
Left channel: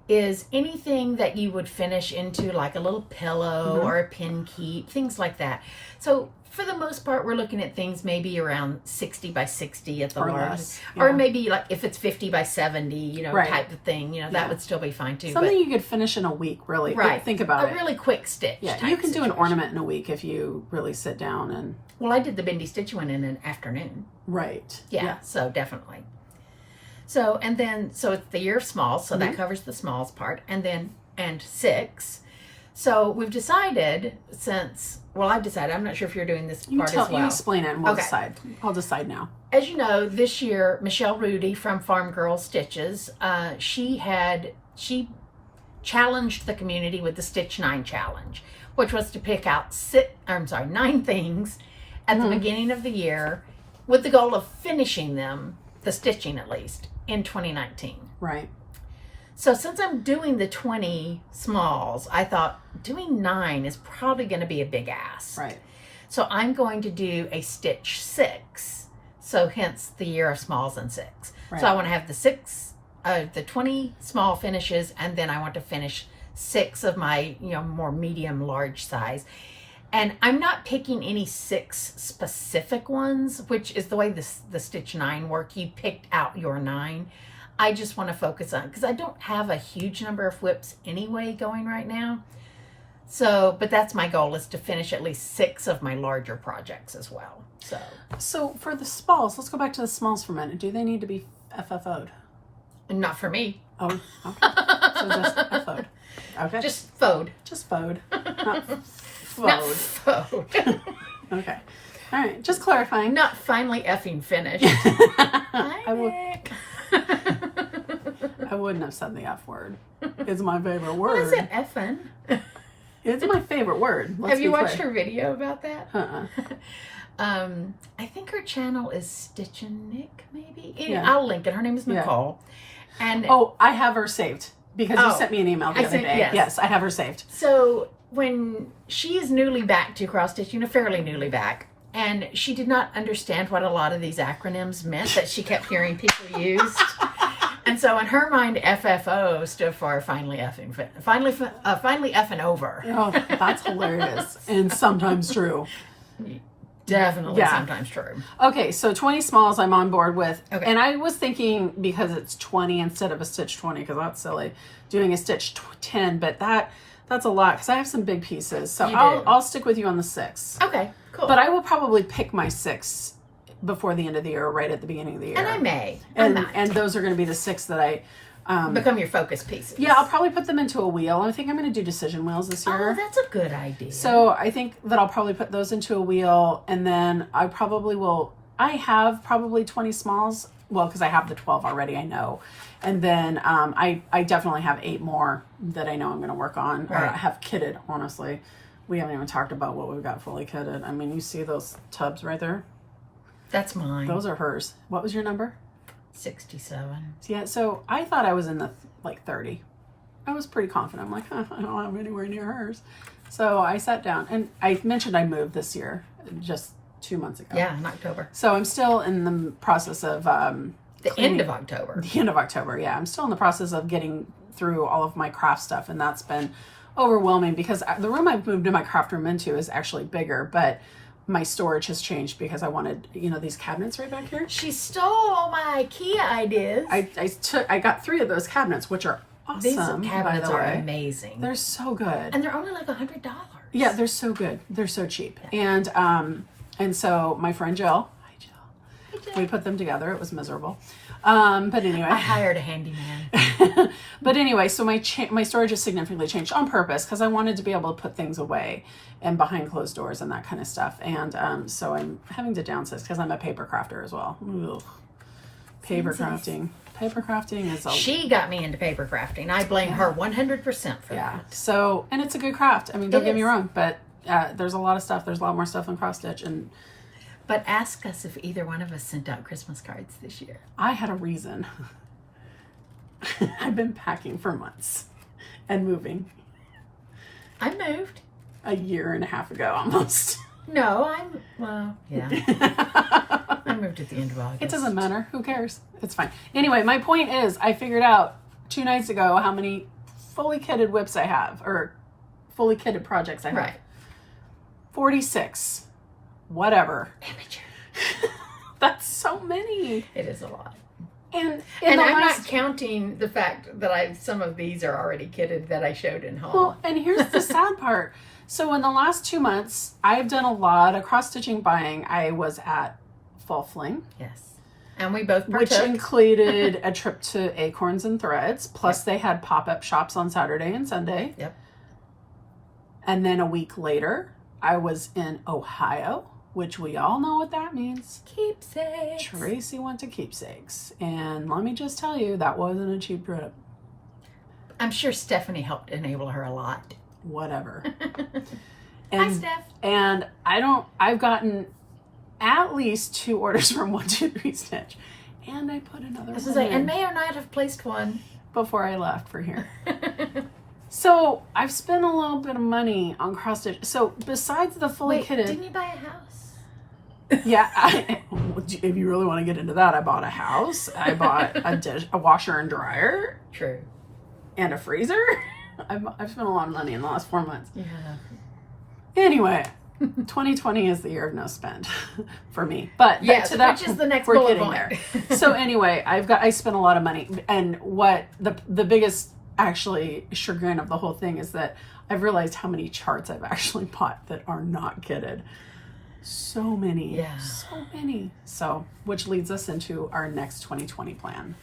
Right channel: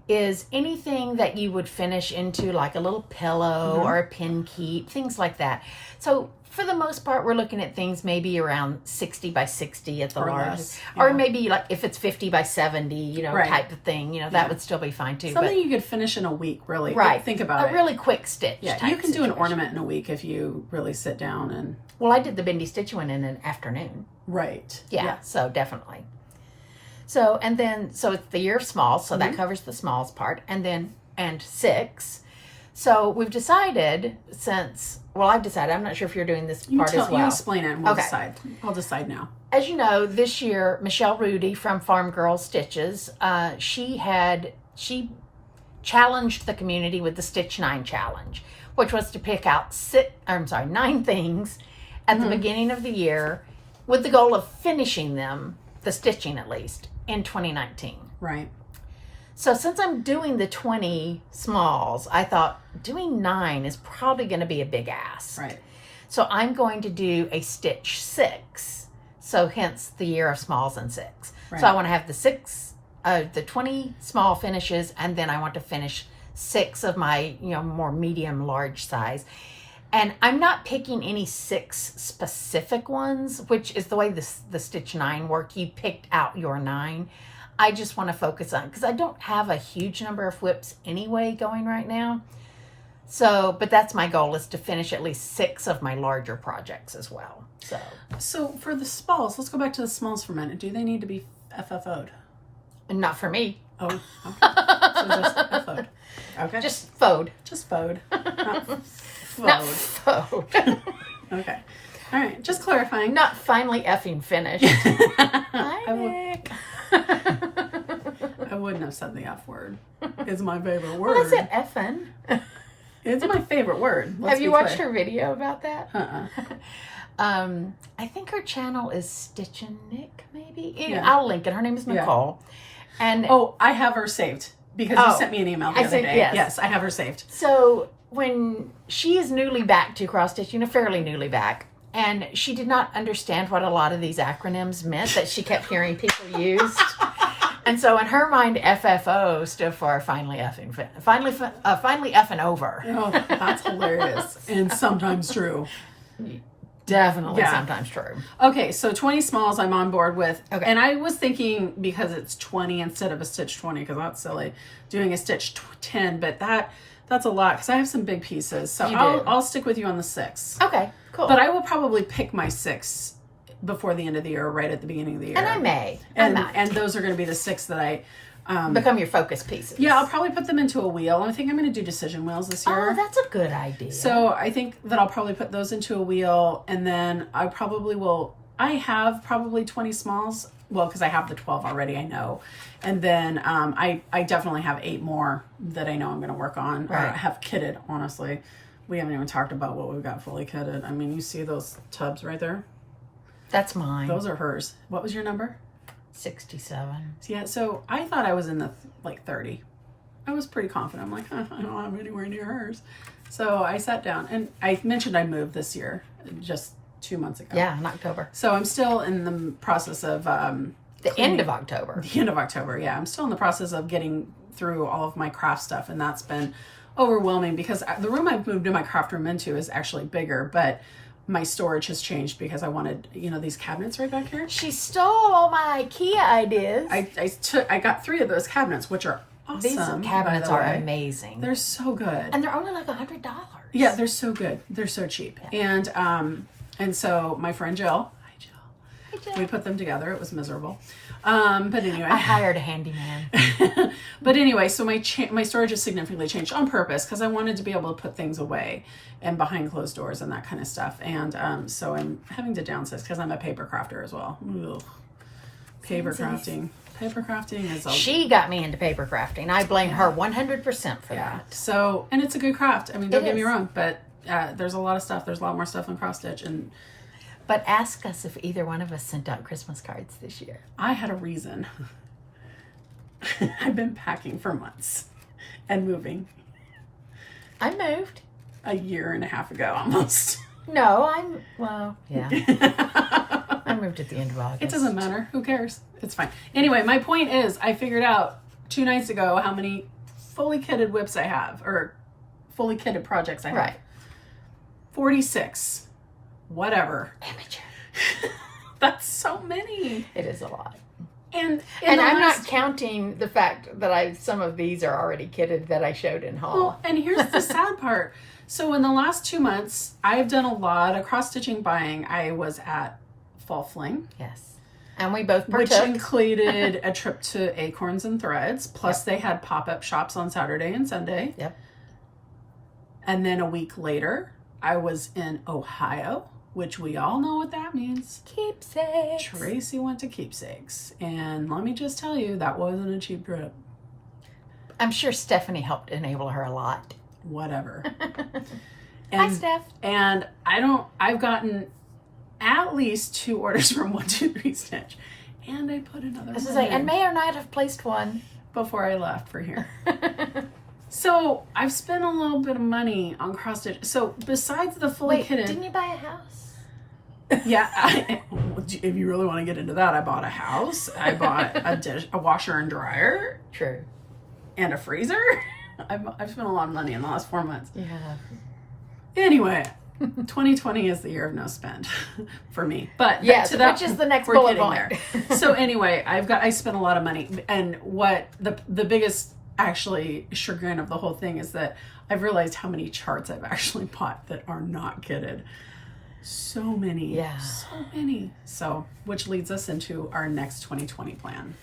is anything that you would finish into like a little pillow or a pin keep, things like that. So for the most part, we're looking at things maybe around 60 by 60 at the Or largest. less, yeah. Or maybe like if it's 50 by 70, Right. type of thing, that would still be fine too. Something you could finish in a week, really. Right. Think about it. A really quick stitch. Yeah, type you can do an situation. ornament in a week if you really sit down and... Well, I did the bendy stitch one in an afternoon. Right. Yeah, so definitely. So, and then, so it's the year of smalls, so that covers the smalls part, and 6. So we've decided I've decided, I'm not sure if you're doing this part as well. You explain it and we'll Okay. decide. I'll decide now. As you know, this year, Michelle Rudy from Farm Girl Stitches, she challenged the community with the Stitch 9 challenge, which was to pick out 9 things at the beginning of the year with the goal of finishing them, the stitching at least, in 2019. Right. So since I'm doing the 20 smalls, I thought doing 9 is probably going to be a big ask. Right. So I'm going to do a stitch 6. So hence the year of smalls and 6. Right. So I want to have the 20 small finishes, and then I want to finish 6 of my, more medium, large size. And I'm not picking any 6 specific ones, which is the way the Stitch 9 work. You picked out your 9. I just want to focus on, because I don't have a huge number of whips anyway going right now. So, but that's my goal, is to finish at least 6 of my larger projects as well. So for the smalls, let's go back to the smalls for a minute. Do they need to be FFO'd? And not for me. Oh, okay. So just FFO'd. Okay. Just fode. Just FO'd. Not Not FO'd. fode. Okay. All right. Just clarifying. Not finally effing finished. I would. Nick. I wouldn't have said the F word. It's my favorite Well, I word. said effing. It's my favorite word. Let's Have you be watched clear. her video about that? Uh-uh. I think her channel is Stitch and Nick, maybe. Yeah. I'll link it. Her name is Nicole. And oh, I have her saved because you sent me an email the I other said, day. Yes, I have her saved. so when she is newly back to cross stitch, fairly newly back, and she did not understand what a lot of these acronyms meant that she kept hearing people use. And so in her mind, FFO stood for finally effing over. Oh, that's hilarious and sometimes true. Definitely sometimes true. Okay, so 20 smalls I'm on board with. Okay. And I was thinking because it's 20 instead of a stitch 20, because that's silly, doing a stitch 10, but that's a lot because I have some big pieces. So I'll stick with you on the 6. Okay, cool. But I will probably pick my 6 before the end of the year or right at the beginning of the year. And I may. And those are going to be the 6 that I... become your focus pieces. Yeah, I'll probably put them into a wheel. I think I'm going to do decision wheels this year. Oh, that's a good idea. So I think that I'll probably put those into a wheel, and then I probably will. I have probably 20 smalls. Well, because I have the 12 already, I know. And then I definitely have 8 more that I know I'm going to work on. Or I have kitted, honestly. We haven't even talked about what we've got fully kitted. I mean, you see those tubs right there? That's mine. Those are hers. What was your number? 67. Yeah, so I thought I was in the 30. I was pretty confident. I'm like, I don't have anywhere near hers. So I sat down, and I mentioned I moved this year, just 2 months ago. Yeah, in October. So I'm still in the process of The end of October. The end of October, yeah. I'm still in the process of getting through all of my craft stuff, and that's been overwhelming because the room I've moved my craft room into is actually bigger, but my storage has changed because I wanted, these cabinets right back here. She stole all my IKEA ideas. I got 3 of those cabinets, which are awesome. These cabinets by the are way. amazing. They're so good. And they're only like $100. Yeah, they're so good. They're so cheap. Yeah. And so my friend Jill, hi Jill, we put them together. It was miserable. But anyway, I hired a handyman. But anyway, so my storage has significantly changed on purpose because I wanted to be able to put things away and behind closed doors and that kind of stuff. And so I'm having to downsize because I'm a paper crafter as well. Ugh. Paper crafting is She got me into paper crafting. I blame her 100% for that. So, and it's a good craft. I mean, don't get me wrong, but there's a lot of stuff. There's a lot more stuff in cross stitch. But ask us if either one of us sent out Christmas cards this year. I had a reason. I've been packing for months and moving. I moved. A year and a half ago, almost. No, yeah. I moved at the end of August. It doesn't matter. Who cares? It's fine. Anyway, my point is, I figured out 2 nights ago how many fully kitted whips I have, or fully kitted projects I have. Right. 46. Whatever. Amateur. That's so many. It is a lot. And I'm not counting the fact that some of these are already kitted that I showed in haul. Well, and here's the sad part. So in the last 2 months, I've done a lot of cross-stitching buying. I was at Fall Fling. Yes. And we both partook. Which included a trip to Acorns and Threads. Plus they had pop-up shops on Saturday and Sunday. Yep. And then a week later, I was in Ohio, which we all know what that means. Keepsakes. Tracy went to Keepsakes. And let me just tell you, that wasn't a cheap trip. I'm sure Stephanie helped enable her a lot. Whatever. Hi, Steph. And I've gotten at least 2 orders from 123 Stitch. And I put another one in. And may or not have placed one. Before I left for here. So I've spent a little bit of money on cross stitch. So besides the fully kitted, didn't you buy a house? Yeah, if you really want to get into that, I bought a house. I bought a washer and dryer. True. And a freezer. I've spent a lot of money in the last 4 months. Yeah. Anyway, 2020 is the year of no spend for me. But yes, which is the next we're bullet getting point. there. So anyway, I spent a lot of money, and what the biggest actually chagrin of the whole thing is that I've realized how many charts I've actually bought that are not kitted. So many. Yeah. So many. So, which leads us into our next 2020 plan.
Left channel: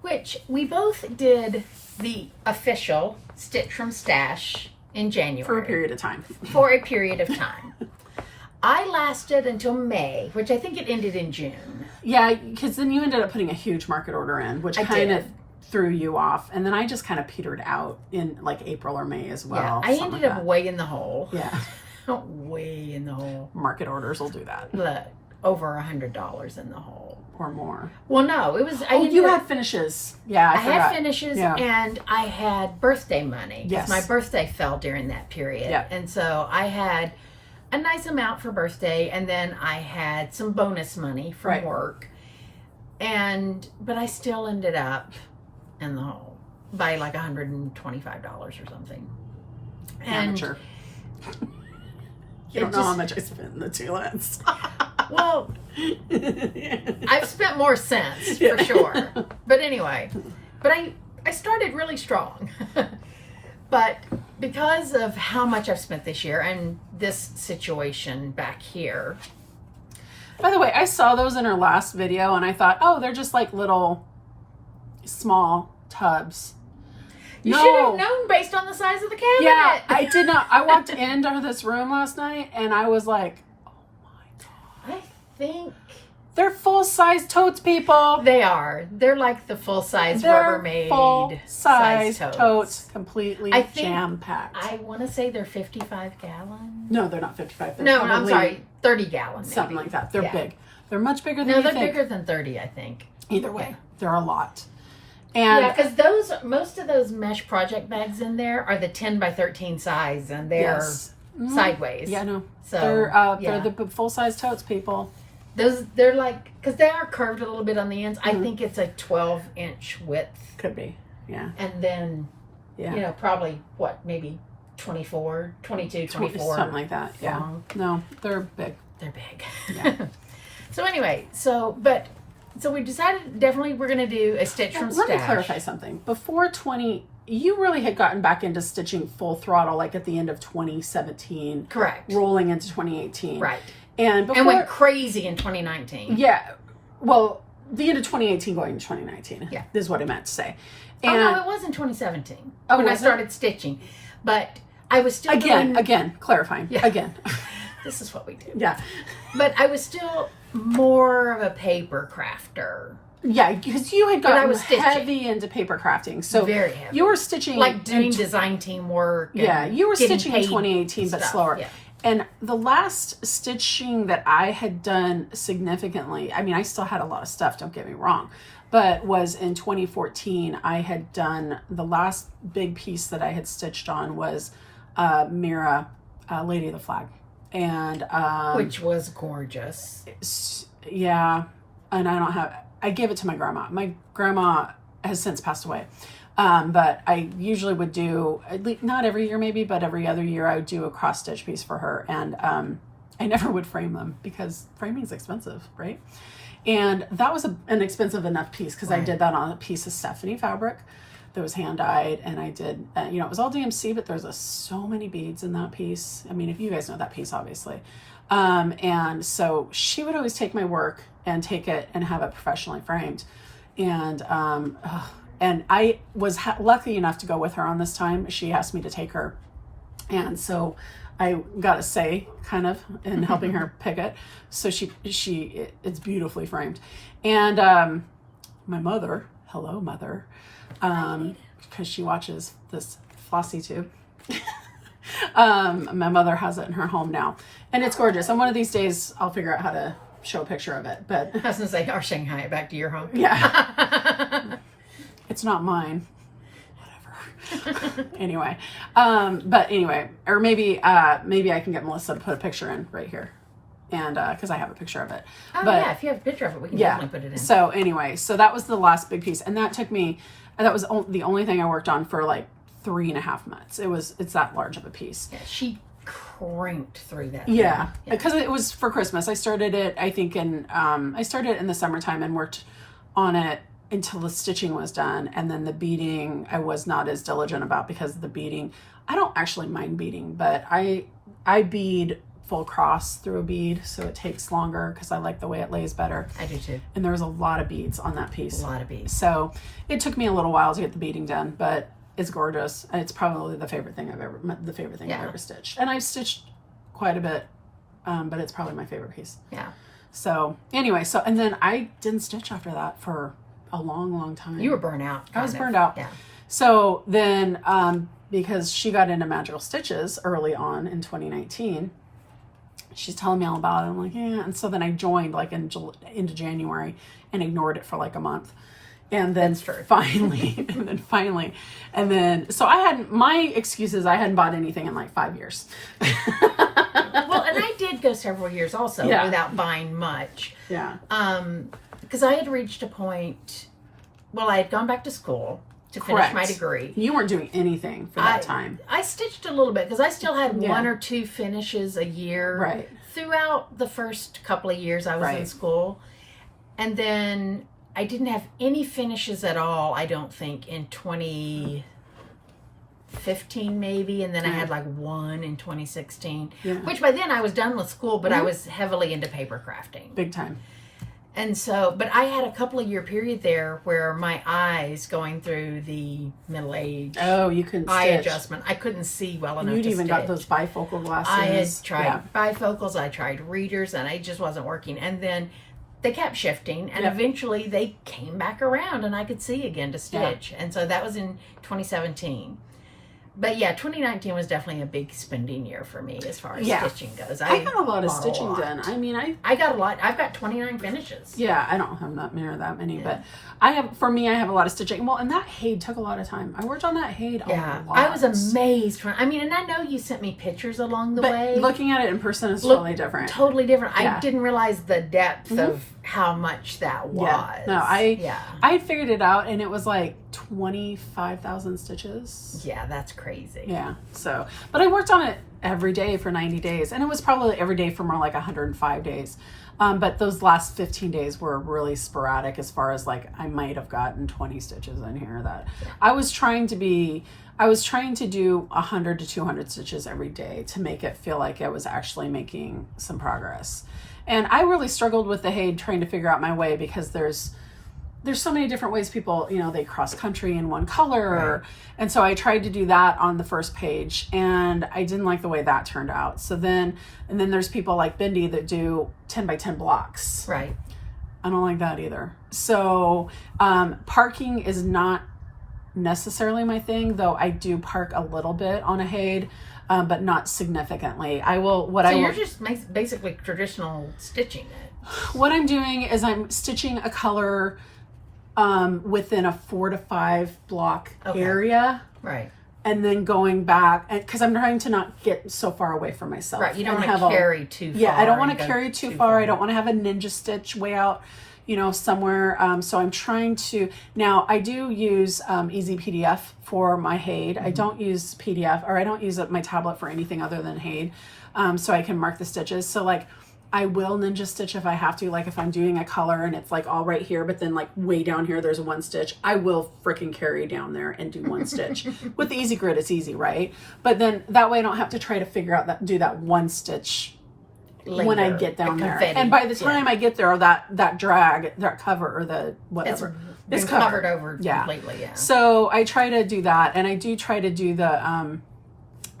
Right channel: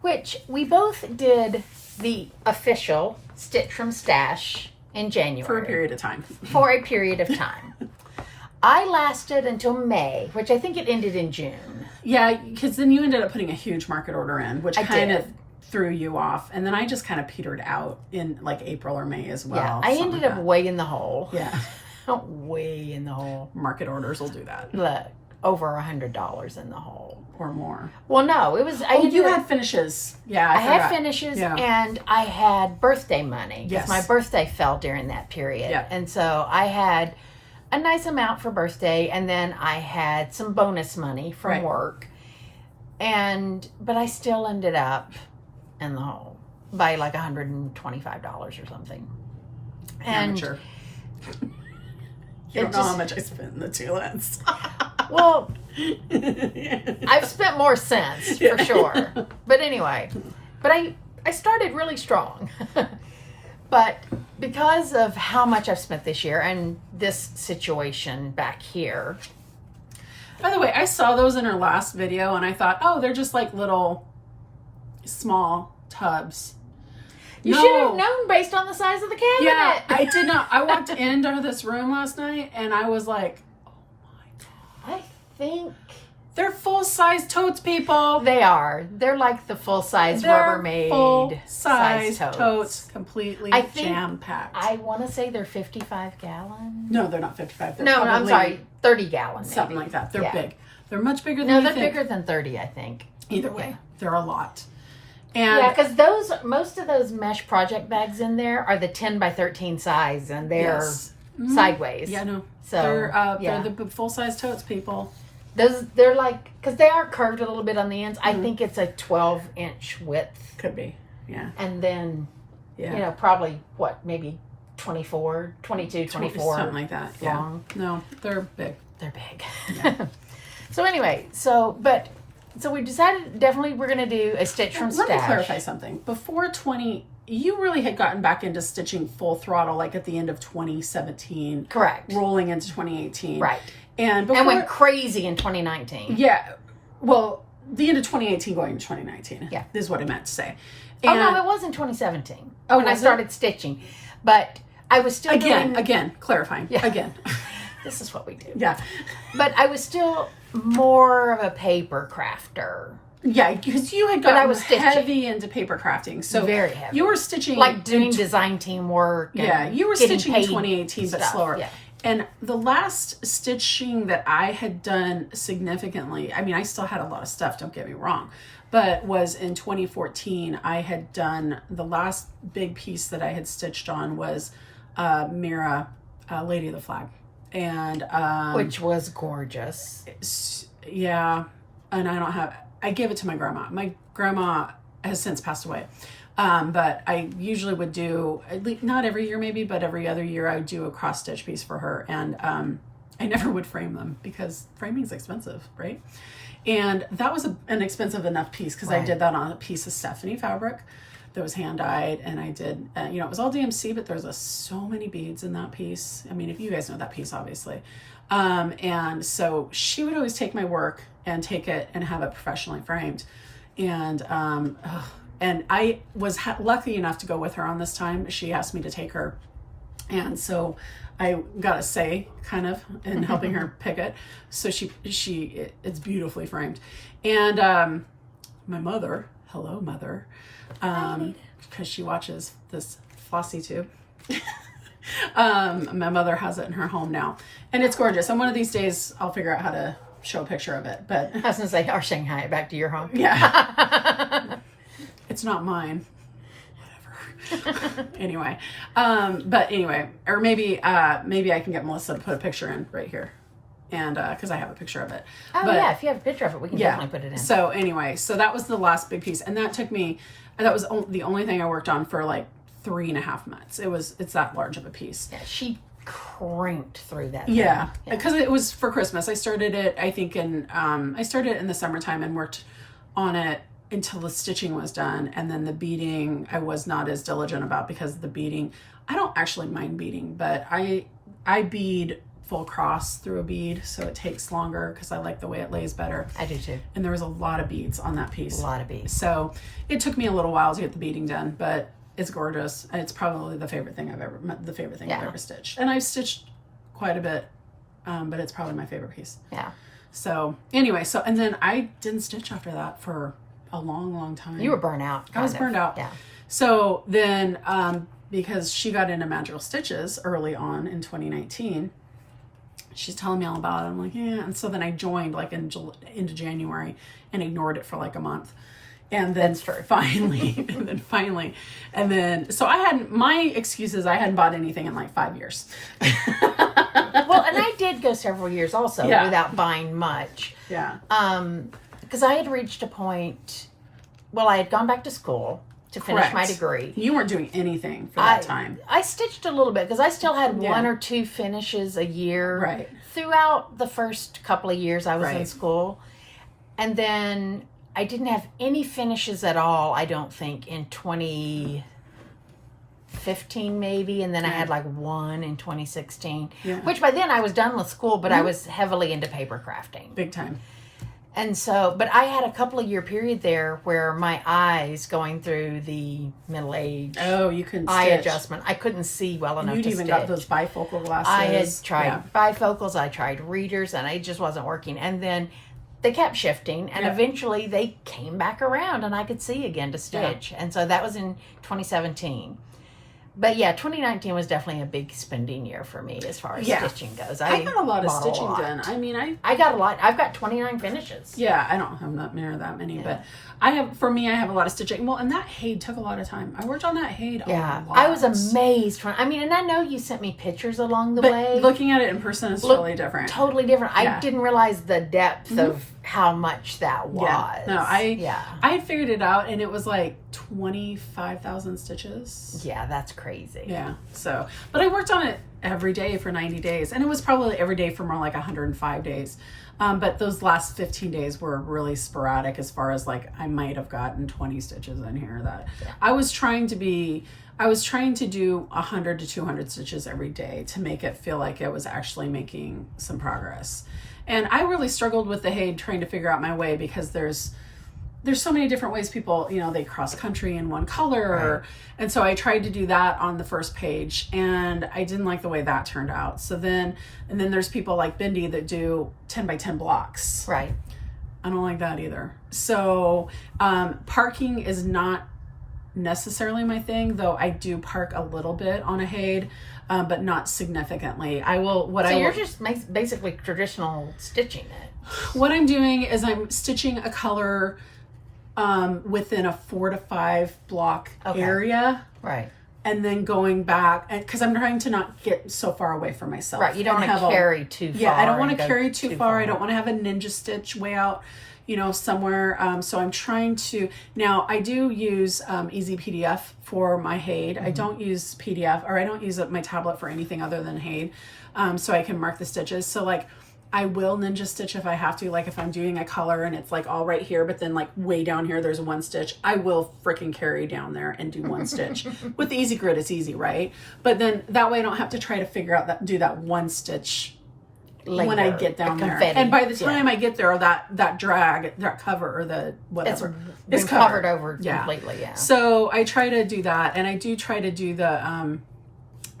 Which we both did the official Stitch from Stash in January. For a period of time. For a period of time. I lasted until May, which I think it ended in June. Yeah, because then you ended up putting a huge market order in, which kind of threw you off. And then I just kind of petered out in like April or May as well. Yeah, I ended up way in the hole. Yeah. Way in the hole. Market orders will do that. Look, over $100 in the hole. Or more. Well, no, it was... you had finishes. Yeah, I forgot. Had finishes, and I had birthday money. Yes. My birthday fell during that period. Yeah. And so I had a nice amount for birthday, and then I had some bonus money from work. But I still ended up in the hole by like $125 or something. Amateur. You don't know how much I spent in the Tulans. Well, I've spent more since, for sure. But anyway, I started really strong. But because of how much I've spent this year and this situation back here. By the way, I saw those in her last video and I thought, oh, they're just like little small tubs. You should have known based on the size of the cabinet. Yeah, I did not. I walked into this room last night and I was like, oh my God. I think they're full-size totes, people. they are. They're like the full-size Rubbermaid full-size size totes, completely jam-packed. I want to say they're 55 gallon. No, they're not 55. They're No, probably I'm sorry, 30 gallon. Something like that. They're big. They're much bigger than No, you they're think. bigger than 30, I think. Either way, they're a lot. And yeah, because most of those mesh project bags in there are the 10 by 13 size, and they're sideways. Yeah, no. So they're the full-size totes, people. They're like, because they are curved a little bit on the ends. I think it's a 12-inch width. Could be, yeah. And then, probably, what, maybe 22, 24. Something like that, yeah. Long. No, they're big. They're big. Yeah. So anyway, so we decided definitely we're going to do a stitch from stash. Let me clarify something. Before you really had gotten back into stitching full throttle, like at the end of 2017. Correct. Rolling into 2018. Right. And went crazy in 2019. Yeah. Well, the end of 2018 going into 2019. Yeah. Is what I meant to say. And, no, it was in 2017 when I started stitching. But I was still Again, clarifying. Yeah. Again. This is what we do. Yeah. But I was still more of a paper crafter. Yeah, because you had gotten heavy into paper crafting. So very heavy. You were stitching... Like doing design team work. Yeah, you were stitching in 2018, but slower. Yeah. And the last stitching that I had done significantly, I mean, I still had a lot of stuff, don't get me wrong, but was in 2014. I had done, the last big piece that I had stitched on was Mira, Lady of the Flag. And which was gorgeous. Yeah. And I gave it to my grandma. My grandma has since passed away. But I usually would do, at least, not every year maybe, but every other year I would do a cross stitch piece for her. And I never would frame them because framing is expensive, right? And that was an expensive enough piece because I did that on a piece of Stephanie fabric that was hand dyed. And I did, it was all DMC, but there's so many beads in that piece. I mean, if you guys know that piece, obviously. And so she would always take my work and take it and have it professionally framed. And I was lucky enough to go with her on this time. She asked me to take her. And so I got a say kind of in helping her pick it. So it's beautifully framed. And my mother, hello mother, because she watches this Flosstube. My mother has it in her home now. And it's gorgeous. And one of these days I'll figure out how to show a picture of it. But I was going to say, or Shanghai it back to your home. Yeah. It's not mine. Whatever. Anyway. But anyway, or maybe I can get Melissa to put a picture in right here. And, cause I have a picture of it. Oh yeah. If you have a picture of it, we can definitely put it in. So anyway, so that was the last big piece. And that was the only thing I worked on for like 3.5 months. It's that large of a piece. Yeah, she crimped through that. Yeah. Because it was for Christmas. I started it, I think in the summertime and worked on it until the stitching was done. And then the beading, I was not as diligent about because the beading, I don't actually mind beading, but I bead full cross through a bead. So it takes longer because I like the way it lays better. I do too. And there was a lot of beads on that piece. A lot of beads. So it took me a little while to get the beading done, but it's gorgeous. And it's probably the favorite thing I've ever stitched. And I've stitched quite a bit, but it's probably my favorite piece. Yeah. So anyway, and then I didn't stitch after that for a long, long time. You were burnt out. I was burned out. Yeah. So then, because she got into Magical Stitches early on in 2019, she's telling me all about it. I'm like, yeah. And so then I joined like into January and ignored it for like a month. And then finally, so my excuse is I hadn't bought anything in like 5 years. Well, and I did go several years also without buying much. Yeah. Because I had reached a point, I had gone back to school to finish my degree. You weren't doing anything for that time. I stitched a little bit because I still had one or two finishes a year throughout the first couple of years I was in school. And then I didn't have any finishes at all, I don't think, in 2015 maybe. And then I had like one in 2016, which by then I was done with school, but I was heavily into paper crafting. Big time. And so, but I had a couple of year period there where my eyes going through the middle age. Oh, you couldn't eye stitch. Adjustment. I couldn't see well enough You'd to even stitch. got those bifocal glasses. I had tried bifocals. I tried readers, and it just wasn't working. And then they kept shifting, and eventually they came back around, and I could see again to stitch. And so that was in 2017. But 2019 was definitely a big spending year for me as far as stitching goes. I got a lot of stitching done. I mean, I got a lot. I've got 29 finishes. Yeah, I don't have that many, but I have a lot of stitching. Well, and that Haid took a lot of time. I worked on that Haid a lot. I was amazed. And I know you sent me pictures along the way. Looking at it in person is totally different. Totally different. Yeah. I didn't realize the depth of how much that was. Yeah. No, I figured it out, and it was like 25,000 stitches. Yeah, that's crazy. Yeah. So, but I worked on it every day for 90 days, and it was probably every day for more like 105 days. But those last 15 days were really sporadic as far as like I might have gotten 20 stitches in here. I was trying to do 100 to 200 stitches every day to make it feel like I was actually making some progress. And I really struggled with the Haid trying to figure out my way because there's so many different ways people, they cross country in one color. And so I tried to do that on the first page, and I didn't like the way that turned out. So then there's people like Bindi that do 10 by 10 blocks. Right. I don't like that either. So parking is not necessarily my thing, though I do park a little bit on a Haid, but not significantly. You're just basically traditional stitching it. What I'm doing is I'm stitching a color within a 4 to 5 block area. Right. And then going back, because I'm trying to not get so far away from myself. Right, you don't want to carry too far. Yeah, I don't want to carry too far. I don't want to have a ninja stitch way out, somewhere. So I'm trying to, now I do use Easy PDF for my Haid. I don't use PDF, or I don't use my tablet for anything other than Haid. So I can mark the stitches. So like, I will ninja stitch if I have to, like if I'm doing a color and it's like all right here, but then like way down here there's one stitch, I will freaking carry down there and do one stitch. With the Easy Grid it's easy, right? But then that way I don't have to try to figure out do that one stitch later, when I get down there. And by the time I get there, that drag, that cover, or the whatever, it's covered over completely. Yeah. So I try to do that, and I do try to do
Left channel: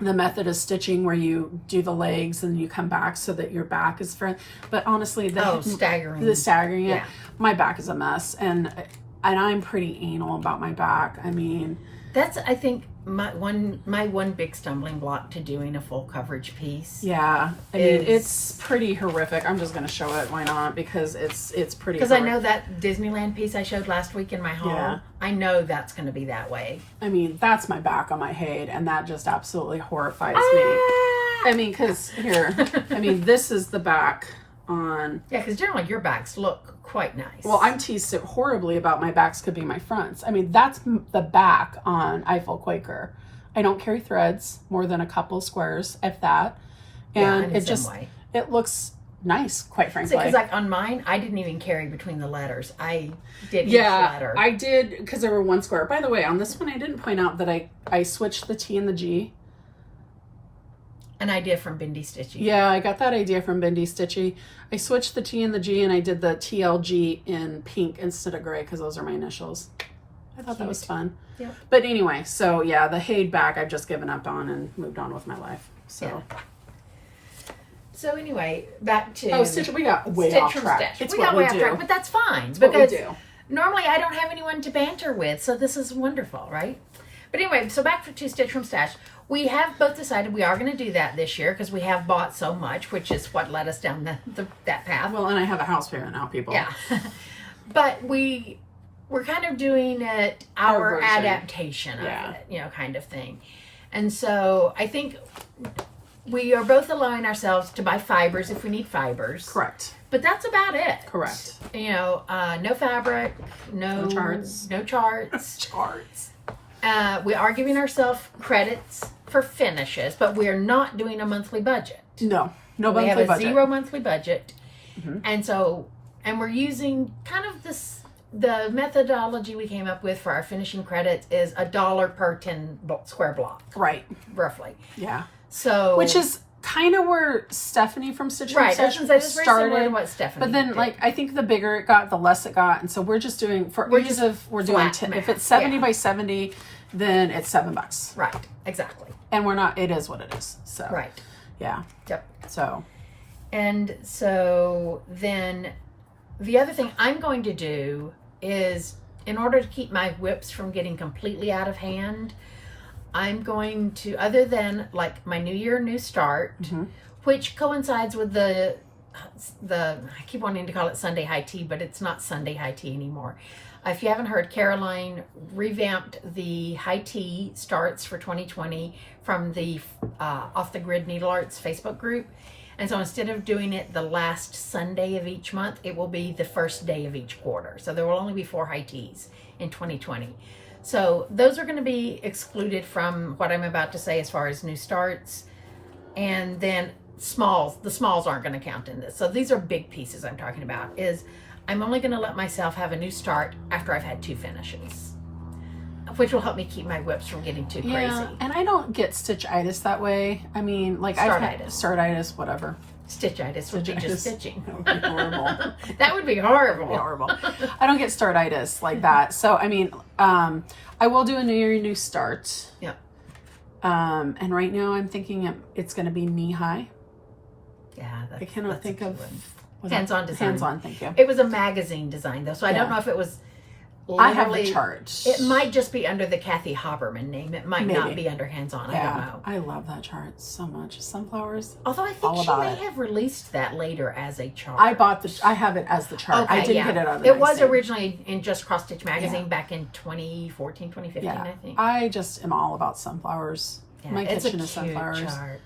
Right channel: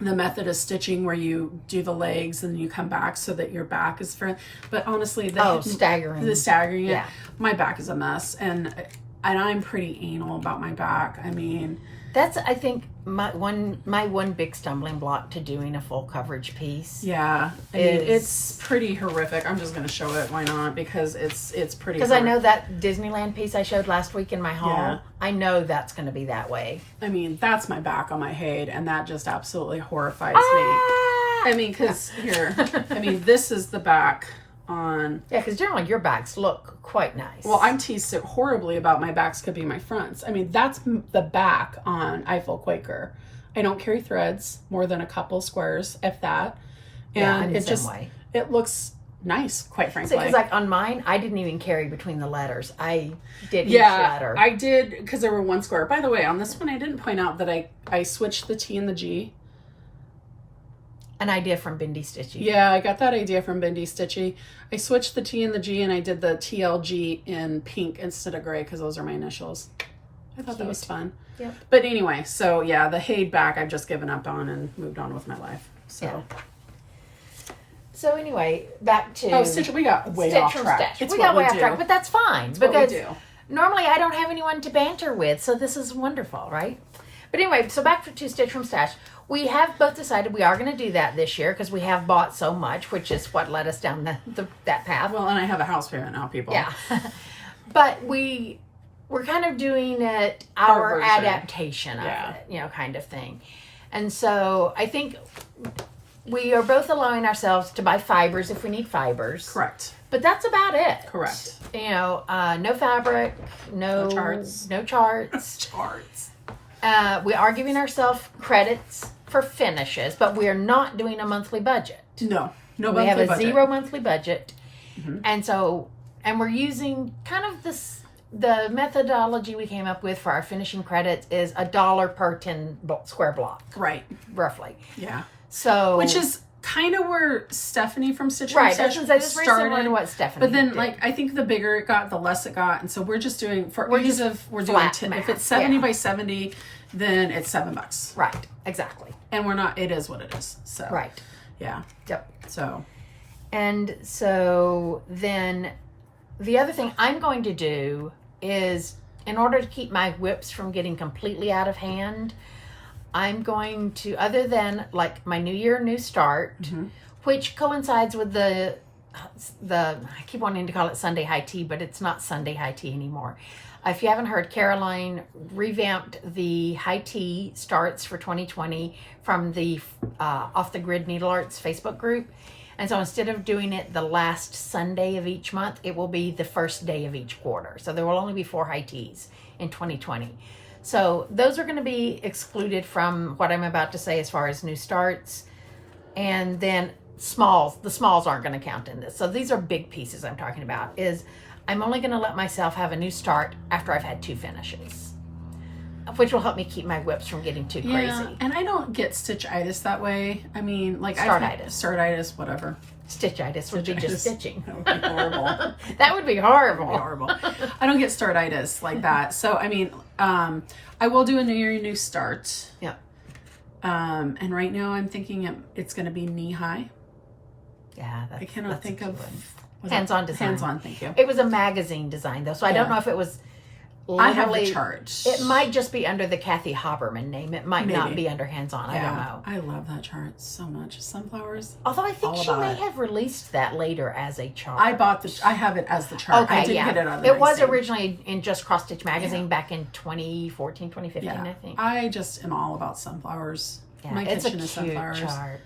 the method of stitching where you do the legs and you come back so that your back is front. But honestly, staggering it, my back is a mess, and I'm pretty anal about my back. I mean, that's, I think, my one big stumbling block to doing a full coverage piece. Yeah, I mean, it's pretty horrific. I'm just going to show it. Why not? Because it's pretty. Because I know that Disneyland piece I showed last week in my haul. Yeah. I know that's going to be that way. I mean, that's my back on my Haid, and that just absolutely horrifies me. I mean, because this is the back on. Yeah, because generally your backs look quite nice. Well, I'm teased horribly about my backs could be my fronts. I mean, that's the back on Eiffel Quaker. I don't carry threads more than a couple squares, if that. And it looks nice, quite frankly. Because like on mine, I didn't even carry between the letters. I did each letter. I did, because there were one square. By the way, on this one, I didn't point out that I switched the T and the G. An idea from Bindi Stitchy. Yeah, I got that idea from Bindi Stitchy. I switched the T and the G, and I did the TLG in pink instead of gray because those are my initials. I thought that was fun. Yep. But anyway, so yeah, the Haid back I've just given up on and moved on with my life. So. Yeah. So anyway, back to stitch. We got way off track. It's we got way off track, but that's fine. Because normally I don't have anyone to banter with, so this is wonderful, right? But anyway, so back to Stitch from Stash. We have both decided we are going to do that this year because we have bought so much, which is what led us down that path. Well, and I have a house payment now, people. Yeah. But we're kind of doing it our adaptation of it, kind of thing. And so I think we are both allowing ourselves to buy fibers if we need fibers. Correct. But that's about it. Correct. No fabric, no charts. No charts. Charts. We are giving ourselves credits for finishes, but we are not doing a monthly budget. No monthly budget. We have a 0 monthly budget. Mm-hmm. And we're using kind of the methodology we came up with for our finishing credits is $1 per 10 square block. Right. Roughly. Yeah. So. Which is kind of where Stephanie from Stitch from Stash started. What Stephanie but then, did. I think the bigger it got, the less it got. And so we're just doing, if it's 70 by 70, then it's $7. Right. Exactly. And it is what it is. So. Right. Yeah. Yep. So. And so then the other thing I'm going to do is, in order to keep my whips from getting completely out of hand, I'm going to, other than like my New Year, New Start, which coincides with the I keep wanting to call it Sunday High Tea, but it's not Sunday High Tea anymore. If you haven't heard, Caroline revamped the High Tea starts for 2020 from the Off the Grid Needle Arts Facebook group. And so instead of doing it the last Sunday of each month, it will be the first day of each quarter. So there will only be 4 high teas in 2020. So those are going to be excluded from what I'm about to say as far as new starts. And then the smalls aren't going to count in this. So these are big pieces I'm talking about. I'm only going to let myself have a new start after I've had 2 finishes, which will help me keep my whips from getting too crazy. And I don't get stitchitis that way. I mean, startitis, whatever. Stitchitis would be just stitching. That would be horrible. That would be horrible. Horrible. I don't get startitis like that. So, I mean, I will do a New Year, New Start. Yep. And right now I'm thinking it's going to be knee high. Yeah. I cannot think of... Hands-on design. Hands-on, thank you. It was a magazine design, though, so I don't know if it was... I have the chart. It might just be under the Kathy Haberman name. It might not be under hands-on. I don't know. I love that chart so much. Sunflowers. Although I think she may have released that later as a chart. I have it as the chart. Okay, I didn't get it on the It was originally in Just Cross Stitch magazine back in 2014, 2015, I think. I just am all about sunflowers. Yeah, My it's kitchen a is cute sunflowers. Chart.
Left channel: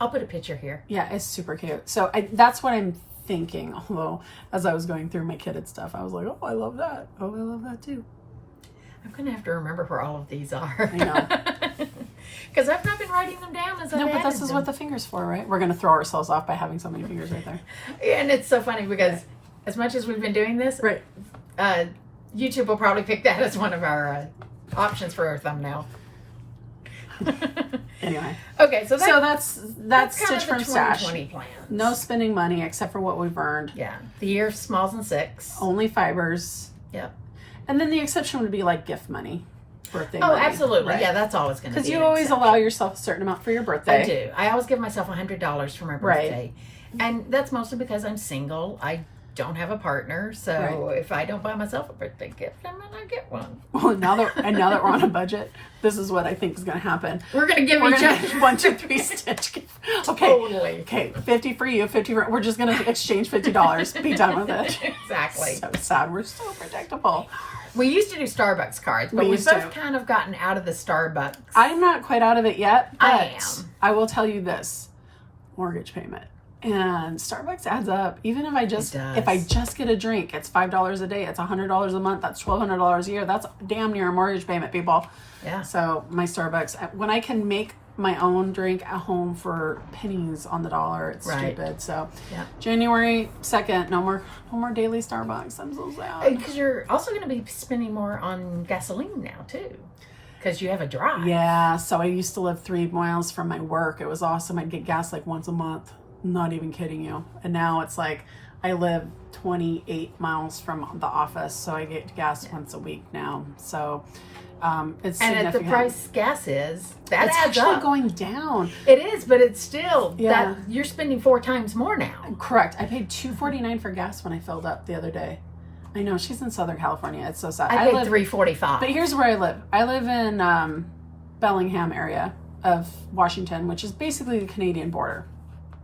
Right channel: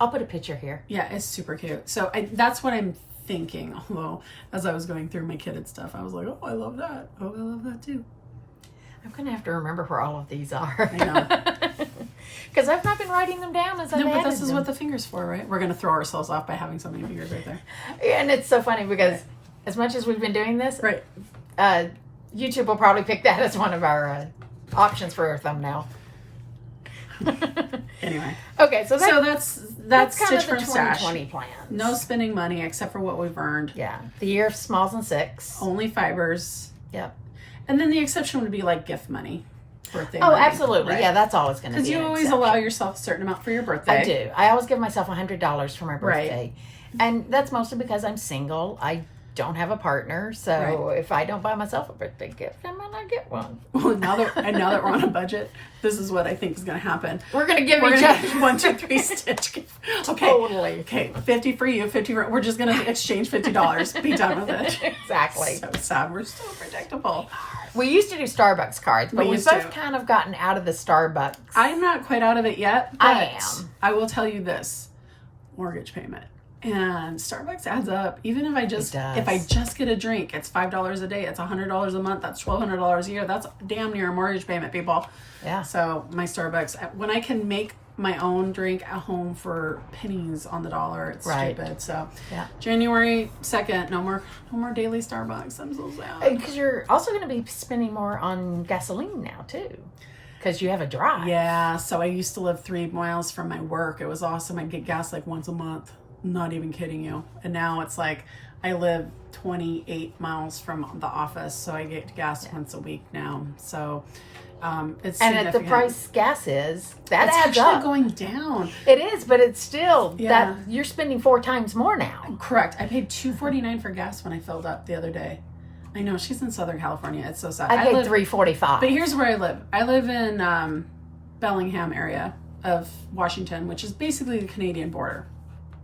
I'll put a picture here. Yeah, it's super cute. So that's what I'm thinking. Although as I was going through my kitted stuff, I was like, oh, I love that. Oh, I love that too. I'm going to have to remember where all of these are. I know. Because I've not been writing them down as I've No, but added this is them. what the finger's for, right? We're going to throw ourselves off by having so many fingers right there. Yeah, and it's so funny because as much as we've been doing this, right, YouTube will probably pick that as one of our options for our thumbnail. Anyway. Okay, so that's Stitch from Stash. 2020 plan. No spending money except for what we've earned. Yeah. The year of smalls and 6. Only fibers. Yep. And then the exception would be like gift money. Birthday money. Absolutely. Right? Yeah, that's always going to be. Because you always allow yourself a certain amount for your birthday. I do. I always give myself $100 for my birthday. Right. And that's mostly because I'm single. I don't have a partner. So if I don't buy myself a birthday gift, I'm going to get one. Well, now that we're on a budget, this is what I think is going to happen. We're going to give each other 1, 2, 3 Stitch. Okay. Totally. Okay. 50 for you, 50 for... We're just going to exchange $50. Be done with it. Exactly. So sad. We're so predictable. We used to do Starbucks cards, but we've both kind of gotten out of the Starbucks. I'm not quite out of it yet, but I am. I will tell you this. Mortgage payment. And Starbucks adds up. Even if I just get a drink, it's $5 a day. It's $100 a month. That's $1,200 a year. That's damn near a mortgage payment, people. Yeah. So my Starbucks, when I can make my own drink at home for pennies on the dollar, it's stupid. So January 2nd, no more daily Starbucks. I'm so sad. Because you're also going to be spending more on gasoline now too. Because you have a drive. Yeah. So I used to live 3 miles from my work. It was awesome. I'd get gas like once a month. Not even kidding you. And now it's like I live 28 miles from the office, so I get gas once a week now. So it's significant. And at the price gas is, that it's adds actually up. going down. It is, but it's still that you're spending 4 times more now. Correct. I paid $2.49 for gas when I filled up the other day. I know, she's in Southern California. It's so sad. I paid $3.45. But here's where I live. I live in Bellingham area of Washington, which is basically the Canadian border.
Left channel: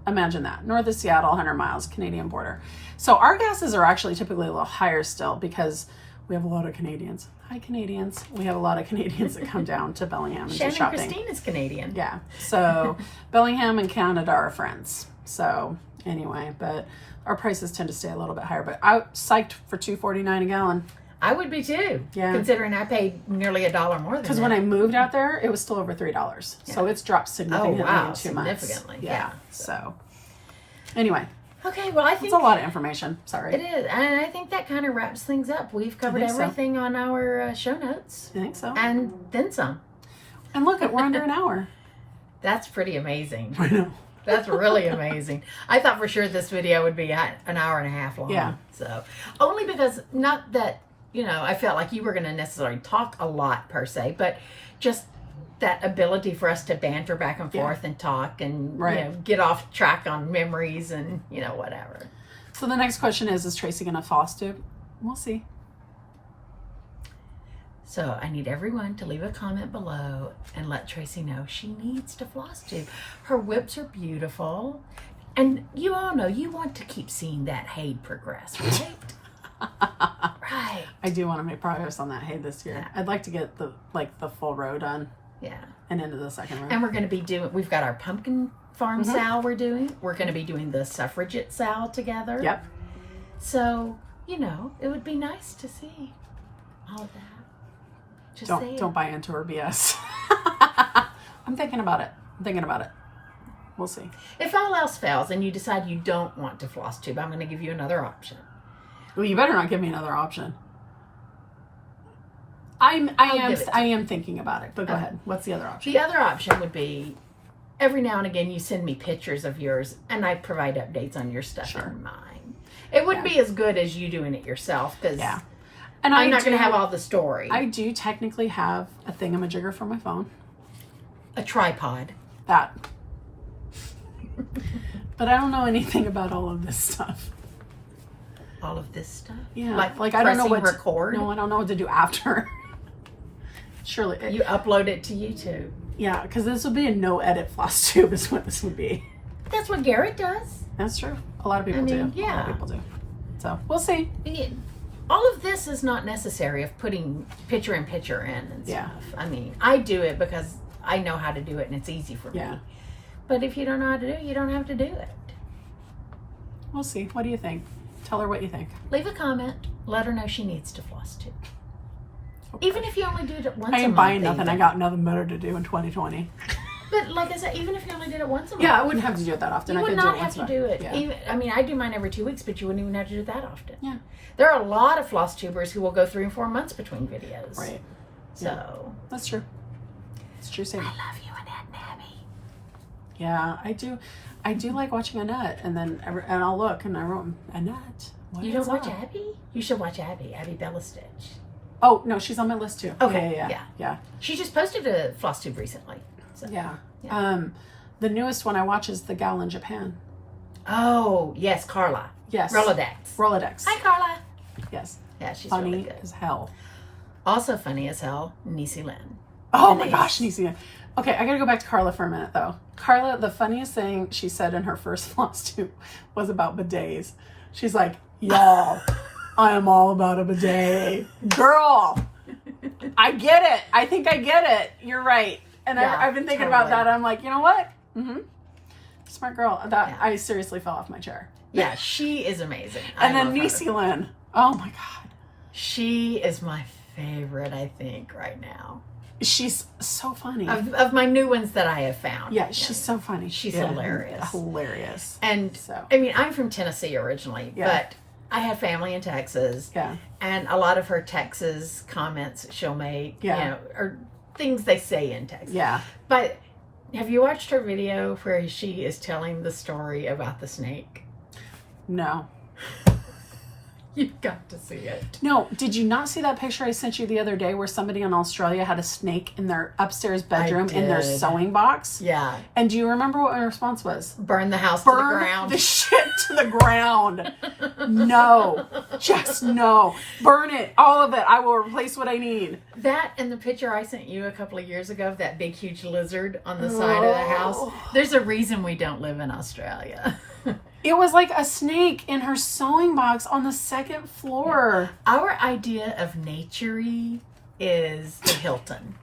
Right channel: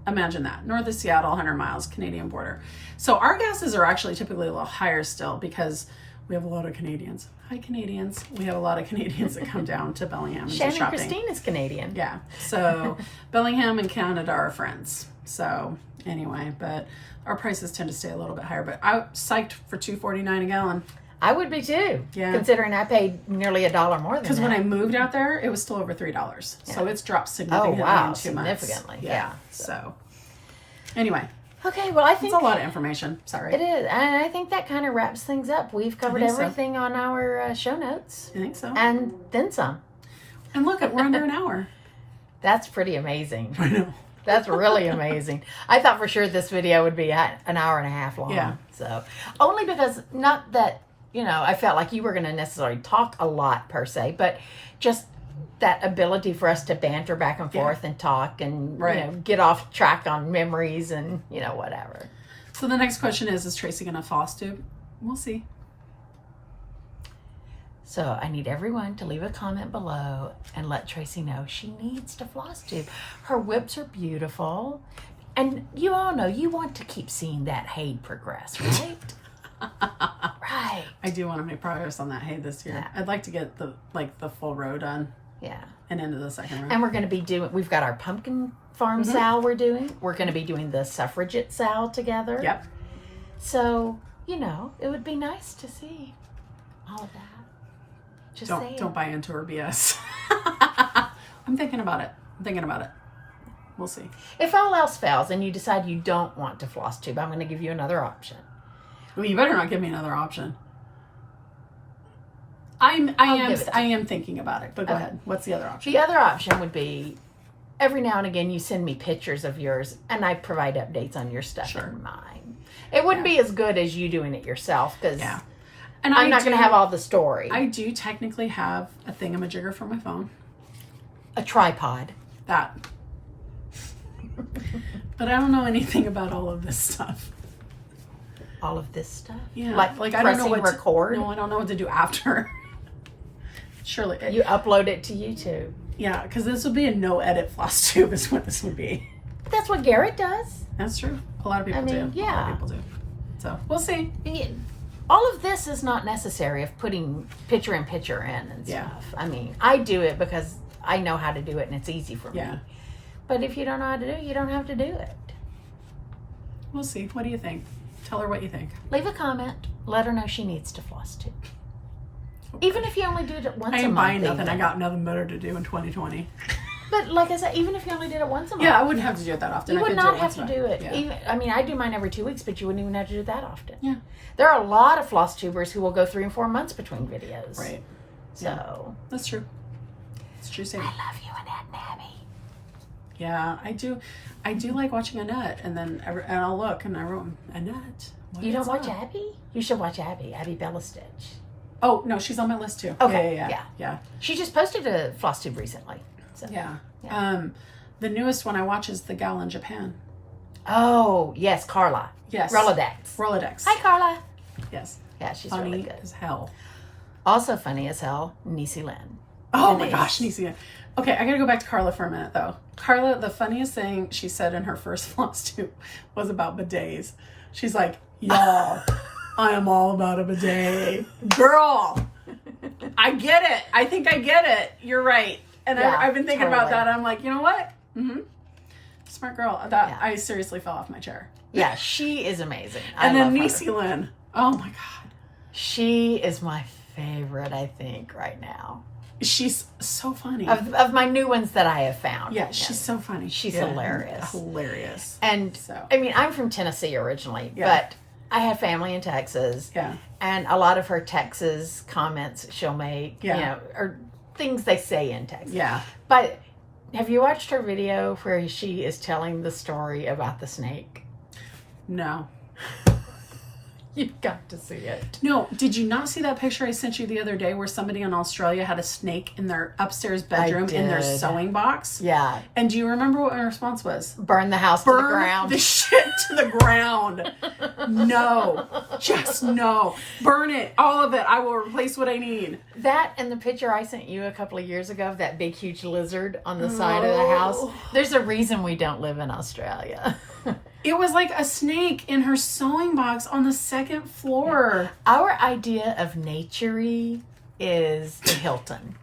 Imagine that. North of Seattle, 100 miles, Canadian border. So our gases are actually typically a little higher still because we have a lot of Canadians. Hi, Canadians. We have a lot of Canadians that come down to Bellingham and do shopping. Christine is Canadian. Yeah. So Bellingham and Canada are friends. So anyway, but our prices tend to stay a little bit higher. But I psyched for $2.49 a gallon. I would be too. Yeah. Considering I paid nearly $1 more than that. Because when I moved out there, it was still over $3. Yeah. So it's dropped significantly in 2 months. Significantly. Yeah. So anyway. Okay, well, I think it's a lot of information. Sorry. It is. And I think that kind of wraps things up. We've covered everything on our show notes. I think so. And then some. And look, we're under an hour. That's pretty amazing. I know. That's really amazing. I thought for sure this video would be an hour and a half long. Yeah. So, only because, not that, I felt like you were going to necessarily talk a lot per se, but just that ability for us to banter back and forth and talk and get off track on memories and whatever. So the next question is Tracy gonna Flosstube? We'll see. So I need everyone to leave a comment below and let Tracy know she needs to Flosstube. Her whips are beautiful, and you all know you want to keep seeing that hay progress, right? Right. I do want to make progress on that hay this year. Yeah. I'd like to get the full row done. Yeah. And into the second row. And we're going to be we've got our pumpkin farm sal we're doing. We're going to be doing the suffragette sal together. Yep. So, it would be nice to see all of that. Just don't buy into her BS. I'm thinking about it. We'll see. If all else fails and you decide you don't want to Flosstube, I'm going to give you another option. Well, you better not give me another option. I am thinking about it, but go ahead. What's the other option? The other option would be every now and again you send me pictures of yours and I provide updates on your stuff and mine. It wouldn't be as good as you doing it yourself because and I'm not going to have all the story. I do technically have a thingamajigger for my phone. A tripod. That. But I don't know anything about all of this stuff. All of this stuff? Yeah. Like I don't know what record? No, I don't know what to do after. Surely. You upload it to YouTube. Yeah, because this would be a no-edit Flosstube is what this would be. That's what Garrett does. That's true. A lot of people do. Yeah. A lot of people do. So, we'll see. All of this is not necessary of putting picture in and stuff. I do it because I know how to do it and it's easy for me. Yeah. But if you don't know how to do it, you don't have to do it. We'll see. What do you think? Tell her what you think. Leave a comment. Let her know she needs to Flosstube. Okay. Even if you only do it once a month. I ain't buying nothing. I got nothing better to do in 2020. But like I said, even if you only did it once a month. Yeah, I wouldn't have to do it that often. You would not have to do it. Yeah. I do mine every 2 weeks, but you wouldn't even have to do it that often. Yeah. There are a lot of Flosstubers who will go 3 and 4 months between videos. Right. So. Yeah. That's true. It's true statement. I love you, Annette and Abby. Yeah, I do. I do like watching Annette, and then I'll look, and I wrote Annette. You don't watch Abby? You should watch Abby Bella Stitch. Oh no, she's on my list too. Okay, yeah. She just posted a Flosstube recently. So. Yeah. The newest one I watch is the gal in Japan. Oh yes, Carla. Yes. Rolodex. Hi, Carla. Yes. Yeah, she's funny really good. as hell. Also funny as hell, Niecy Lynn. Oh my gosh, Niecy Lynn. Okay, I gotta go back to Carla for a minute though. Carla, the funniest thing she said in her first Flosstube was about bidets. She's like, y'all, I am all about a bidet. Girl, I get it. I think I get it. You're right. And I've been thinking about that. I'm like, you know what? Smart girl. I seriously fell off my chair. Yeah, she is amazing. And then Niecy Lynn. Oh my God. She is my favorite, I think, right now. She's so funny. Of my new ones that I have found. Yeah, she's so funny. She's hilarious. Hilarious. And so, I'm from Tennessee originally, but I have family in Texas. Yeah. And a lot of her Texas comments she'll make, or things they say in Texas. Yeah. But have you watched her video where she is telling the story about the snake? No. You've got to see it. No, did you not see that picture I sent you the other day where somebody in Australia had a snake in their upstairs bedroom in their sewing box? Yeah. And do you remember what my response was? Burn the house to the Burn ground. the shit to the ground. No. Just no. Burn it. All of it. I will replace what I need. That and the picture I sent you a couple of years ago of that big, huge lizard on the side of the house. There's a reason we don't live in Australia. It was like a snake in her sewing box on the second floor. Our idea of nature-y is the Hilton.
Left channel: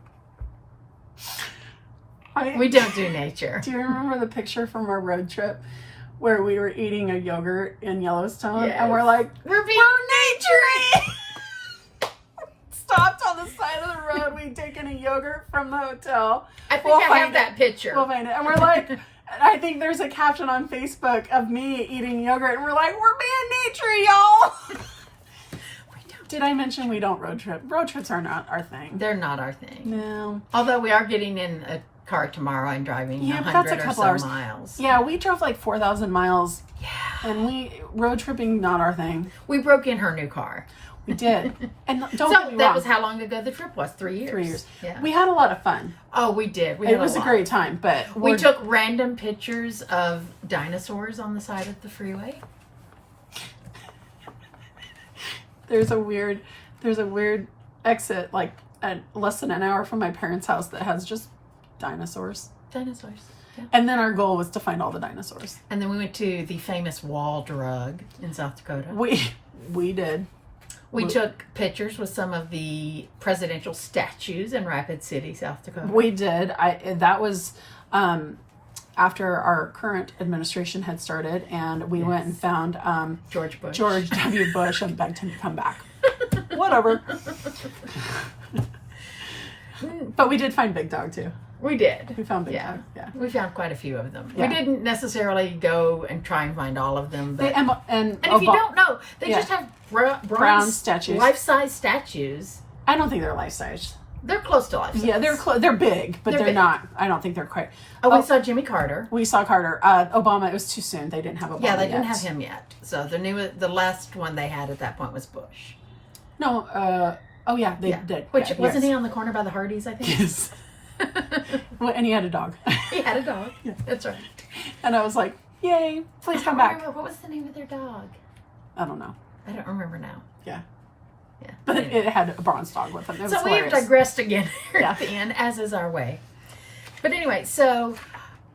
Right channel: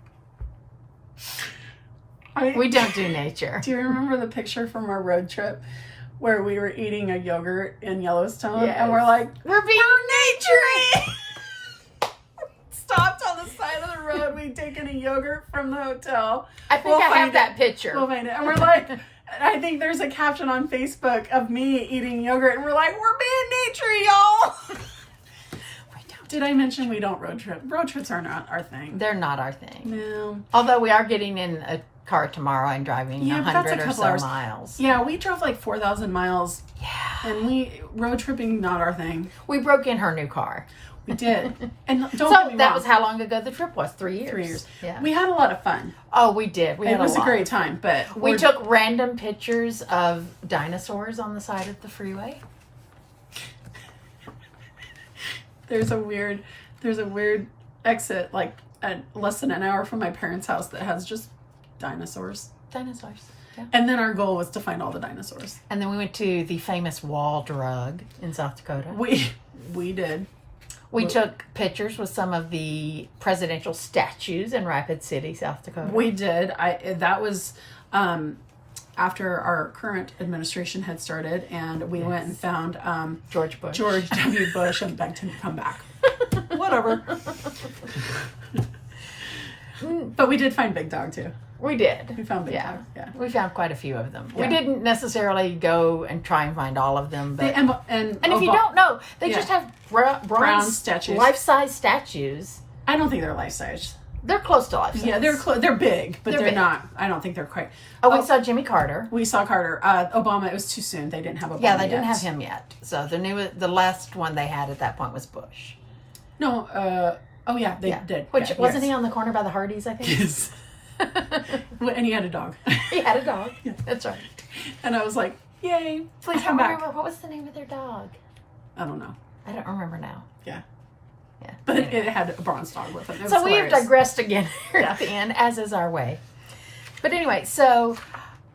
We don't do nature. Do you remember the picture from our road trip where we were eating a yogurt in Yellowstone? Yes. And we're like, we're nature-y! Stopped on the side of the road. We'd taken a yogurt from the hotel. I think I have that picture. We'll find it. And we're like... I think there's a caption on Facebook of me eating yogurt, and we're like, we're being nature, y'all. Did I mention we don't road trip? Road trips are not our thing. They're not our thing. No. Although we are getting in a car tomorrow and driving 100 or so miles. Yeah, we drove like 4,000 miles. Yeah. And road tripping, not our thing. We broke in her new car. We did. And don't so get me wrong. That was how long ago the trip was? 3 years. 3 years. Yeah. We had a lot of fun. Oh, we did. It was a great time, but we took random pictures of dinosaurs on the side of the freeway. There's a weird exit like less than an hour from my parents' house that has just dinosaurs. Dinosaurs. Yeah. And then our goal was to find all the dinosaurs. And then we went to the famous wall drug in South Dakota. We did. We took pictures with some of the presidential statues in Rapid City, South Dakota. We did. That was after our current administration had started, and we went and found George W. Bush and begged him to come back. Whatever. But we did find Big Dog too. We did. We found Big Dog. Yeah. We found quite a few of them. Yeah. We didn't necessarily go and try and find all of them, but and if you don't know, they just have brown statues, life-size statues. I don't think they're life-size. They're close to life-size. Yeah, they're big, but they're not. I don't think they're quite. We saw Jimmy Carter. We saw Carter. Obama. It was too soon. They didn't have Obama. Yeah, they didn't have him yet. So the last one they had at that point was Bush. No. Oh yeah, they did. Which wasn't he on the corner by the Hardys? I think. Yes. And he had a dog. He had a dog. Yeah. That's right. And I was like, "Yay! Please come back." What was the name of their dog? I don't know. I don't remember now. Yeah. Yeah. But it had a bronze dog with it. So we've digressed again here at the end, as is our way. But anyway, so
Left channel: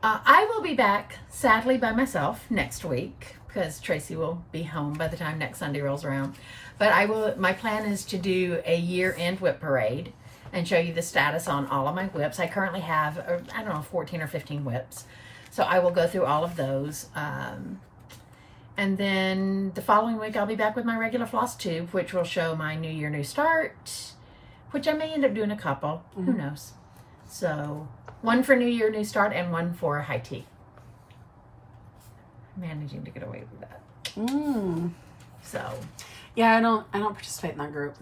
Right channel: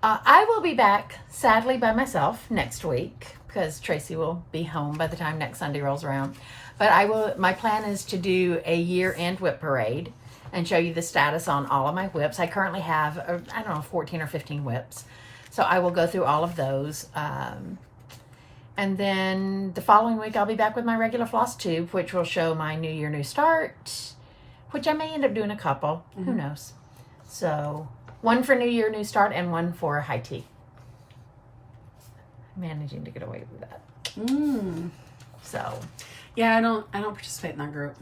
I will be back, sadly, by myself next week because Tracy will be home by the time next Sunday rolls around. But my plan is to do a year-end whip parade and show you the status on all of my whips. I currently have, 14 or 15 whips. So I will go through all of those. And then the following week, I'll be back with my regular Flosstube, which will show my New Year, New Start, which I may end up doing a couple. Mm-hmm. Who knows? So one for New Year, New Start, and one for high tea. I'm managing to get away with that. So. Yeah, I don't participate in that group.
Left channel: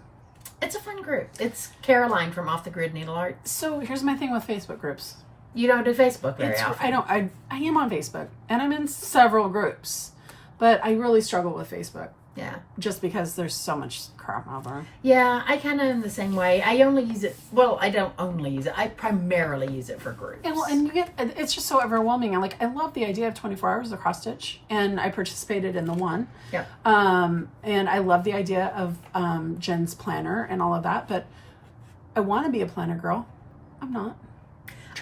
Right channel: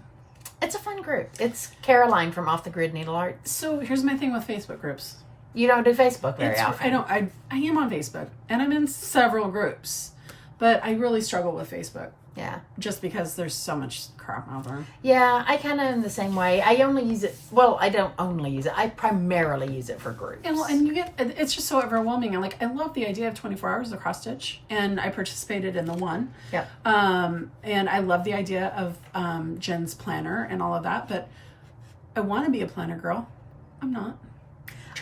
It's a fun group. It's Caroline from Off the Grid Needle Art. So here's my thing with Facebook groups. You don't do Facebook very often. I am on Facebook, and I'm in several groups, but I really struggle with Facebook. Yeah. Just because there's so much crap out there. Yeah, I kind of am the same way. I only use it, well, I don't only use it. I primarily use it for groups. And it's just so overwhelming. I love the idea of 24 hours of cross stitch, and I participated in the one. Yep. And I love the idea of Jen's planner and all of that, but I want to be a planner girl. I'm not.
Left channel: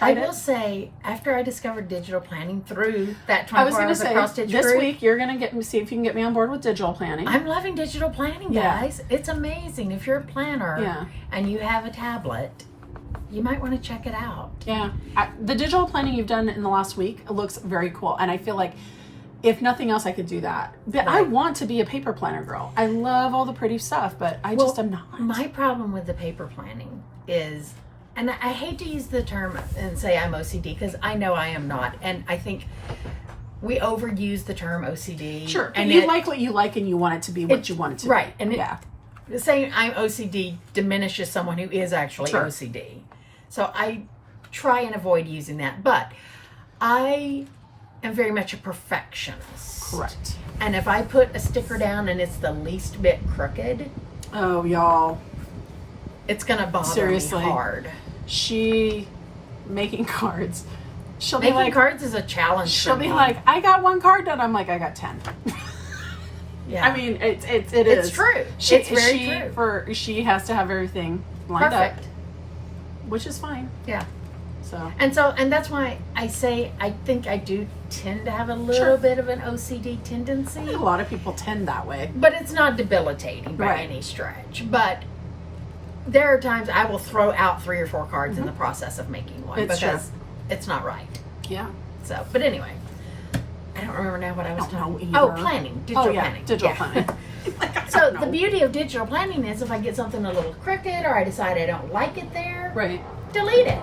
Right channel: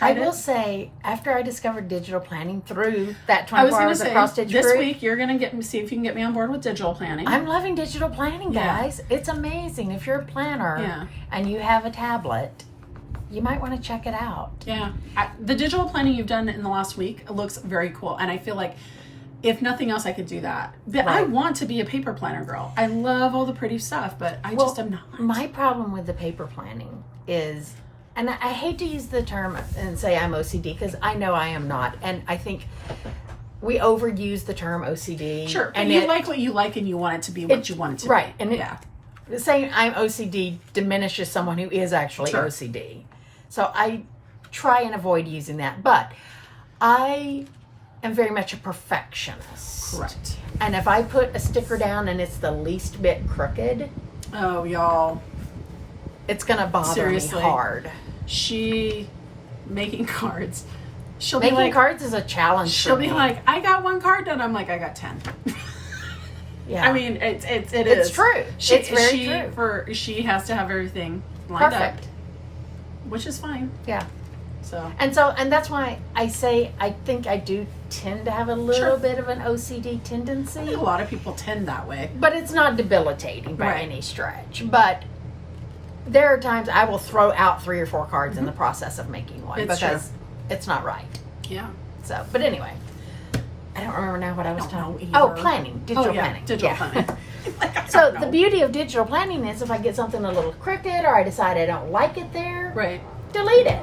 I will say, after I discovered digital planning through that 24 hours of cross stitch this group, week you're going to see if you can get me on board with digital planning. I'm loving digital planning, guys. Yeah. It's amazing. If you're a planner and you have a tablet, you might want to check it out. Yeah. The digital planning you've done in the last week looks very cool. And I feel like if nothing else, I could do that. But right. I want to be a paper planner girl. I love all the pretty stuff, but I just am not. My problem with the paper planning is... And I hate to use the term and say I'm OCD because I know I am not. And I think we overuse the term OCD. Sure. And you like what you like and you want it to be what you want it to be. Right. And saying I'm OCD diminishes someone who is actually OCD. So I try and avoid using that. But I am very much a perfectionist. Correct. And if I put a sticker down and it's the least bit crooked, Oh, y'all. it's gonna bother Seriously. me hard. She making cards. She'll be Making like, cards is a challenge. she'll for be me. like, I got 1 card done. I'm like, I got 10. yeah. I mean, it is. it's true. It's very true. She has to have everything lined Perfect. up, which is fine. Yeah. So And that's why I say I think I do tend to have a little bit of an OCD tendency. I think a lot of people tend that way. But it's not debilitating by Right. any stretch. But there are times I will throw out 3 or 4 cards in the process of making one It's because it's not right. Yeah. So, but anyway, I don't remember now what I was don't talking. know Oh, either. planning, digital planning. Digital Yeah. planning. Like, I So don't the know. beauty of digital planning is if I get something a little crooked or I decide I don't like it there, Right. delete it,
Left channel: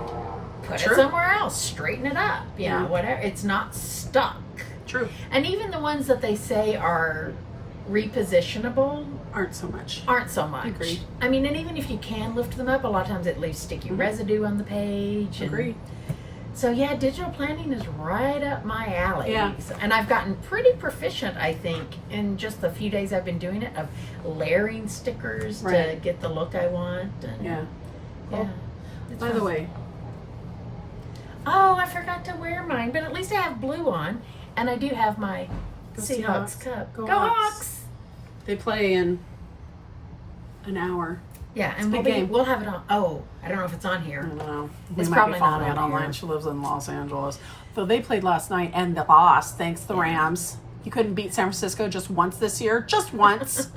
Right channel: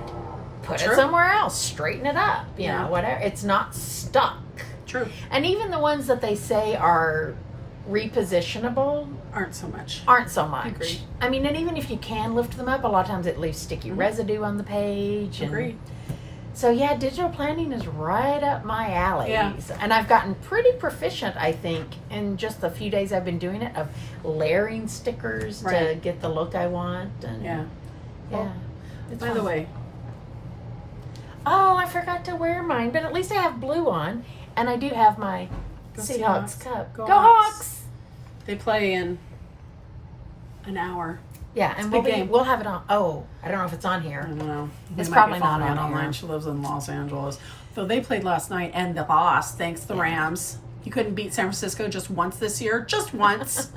put True. it somewhere else, straighten it up. You Yeah. know, whatever. It's not stuck. True. And even the ones that they say are repositionable Aren't so much. aren't so much. Agreed. I mean, and even if you can lift them up, a lot of times it leaves sticky residue on the page. And Agreed. so yeah, digital planning is right up my alley. Yeah. And I've gotten pretty proficient, I think, in just the few days I've been doing it, of layering stickers to Right. get the look I want. And Yeah. yeah. It's By fun. the way, Oh, I forgot to wear mine, but at least I have blue on, and I do have my Go Seahawks Seahawks. cup. Go Go Hawks. Hawks! they play in an hour. Yeah, and a big game. we'll have it on. Oh, I don't know if it's on I here. don't know. We It's might probably be not following it on online. here. She lives in Los Angeles. So they played last night, and the boss, thanks the Rams. You couldn't beat San Francisco just once this year. Just once.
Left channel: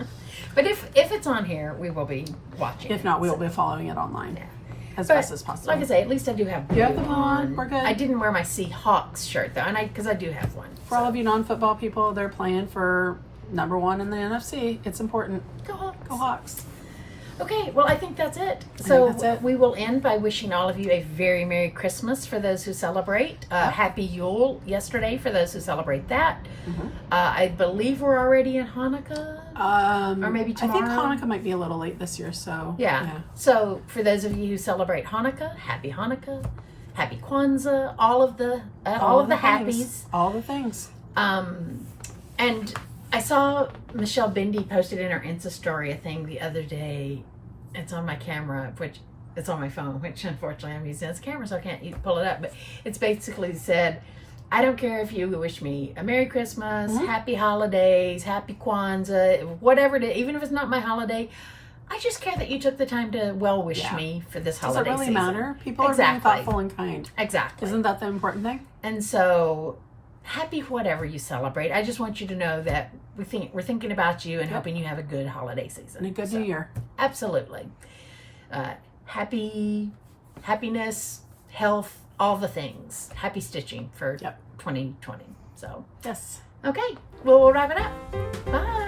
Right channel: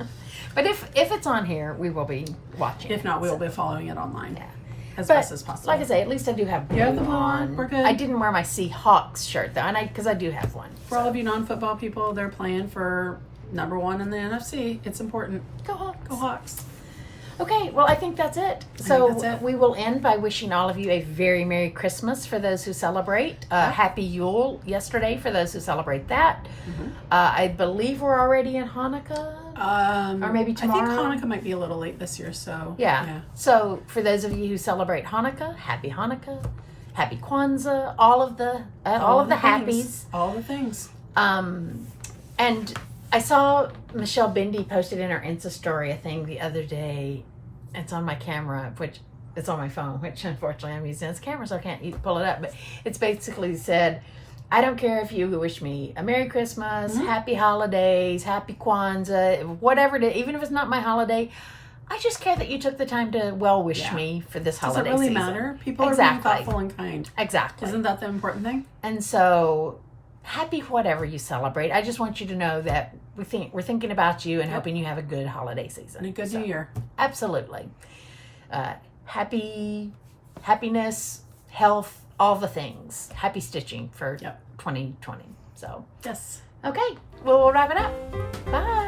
But if it's on here, we will be watching. If not, we will be following it online. Yeah. As But best as possible. like I say, at least I do have blue You have the blue on. on. We're good. I didn't wear my Seahawks shirt though, and because I do have one. For all of you non-football people, they're playing for number 1 in the NFC. It's important. Go Hawks. Go Hawks. Okay, well, I think that's it. So that's it. we will end by wishing all of you a very Merry Christmas for those who celebrate. Happy Yule yesterday for those who celebrate that. Mm-hmm. I believe we're already in Hanukkah. Or maybe I think tomorrow. Hanukkah might be a little late this year, so Yeah. So for those of you who celebrate Hanukkah, Happy Hanukkah, Happy Kwanzaa, all of the happies. things. All the things. And I saw Michelle Bindi posted in her Insta story a thing the other day. It's on my camera, which it's on my phone, which unfortunately I'm using as a camera, so I can't pull it up. But it's basically said, I don't care if you wish me a Merry Christmas, Happy Holidays, Happy Kwanzaa, whatever it is, even if it's not my holiday. I just care that you took the time to wish me for this Does holiday it really season. matter? People are Exactly. being thoughtful and kind. Exactly. Isn't that the important thing? And so, happy whatever you celebrate. I just want you to know that we're thinking about you and hoping you have a good holiday season And a good new year. Absolutely. Happiness, health, all the things. Happy stitching for 2020. So, Yes. okay. Well, we'll wrap it up. Bye.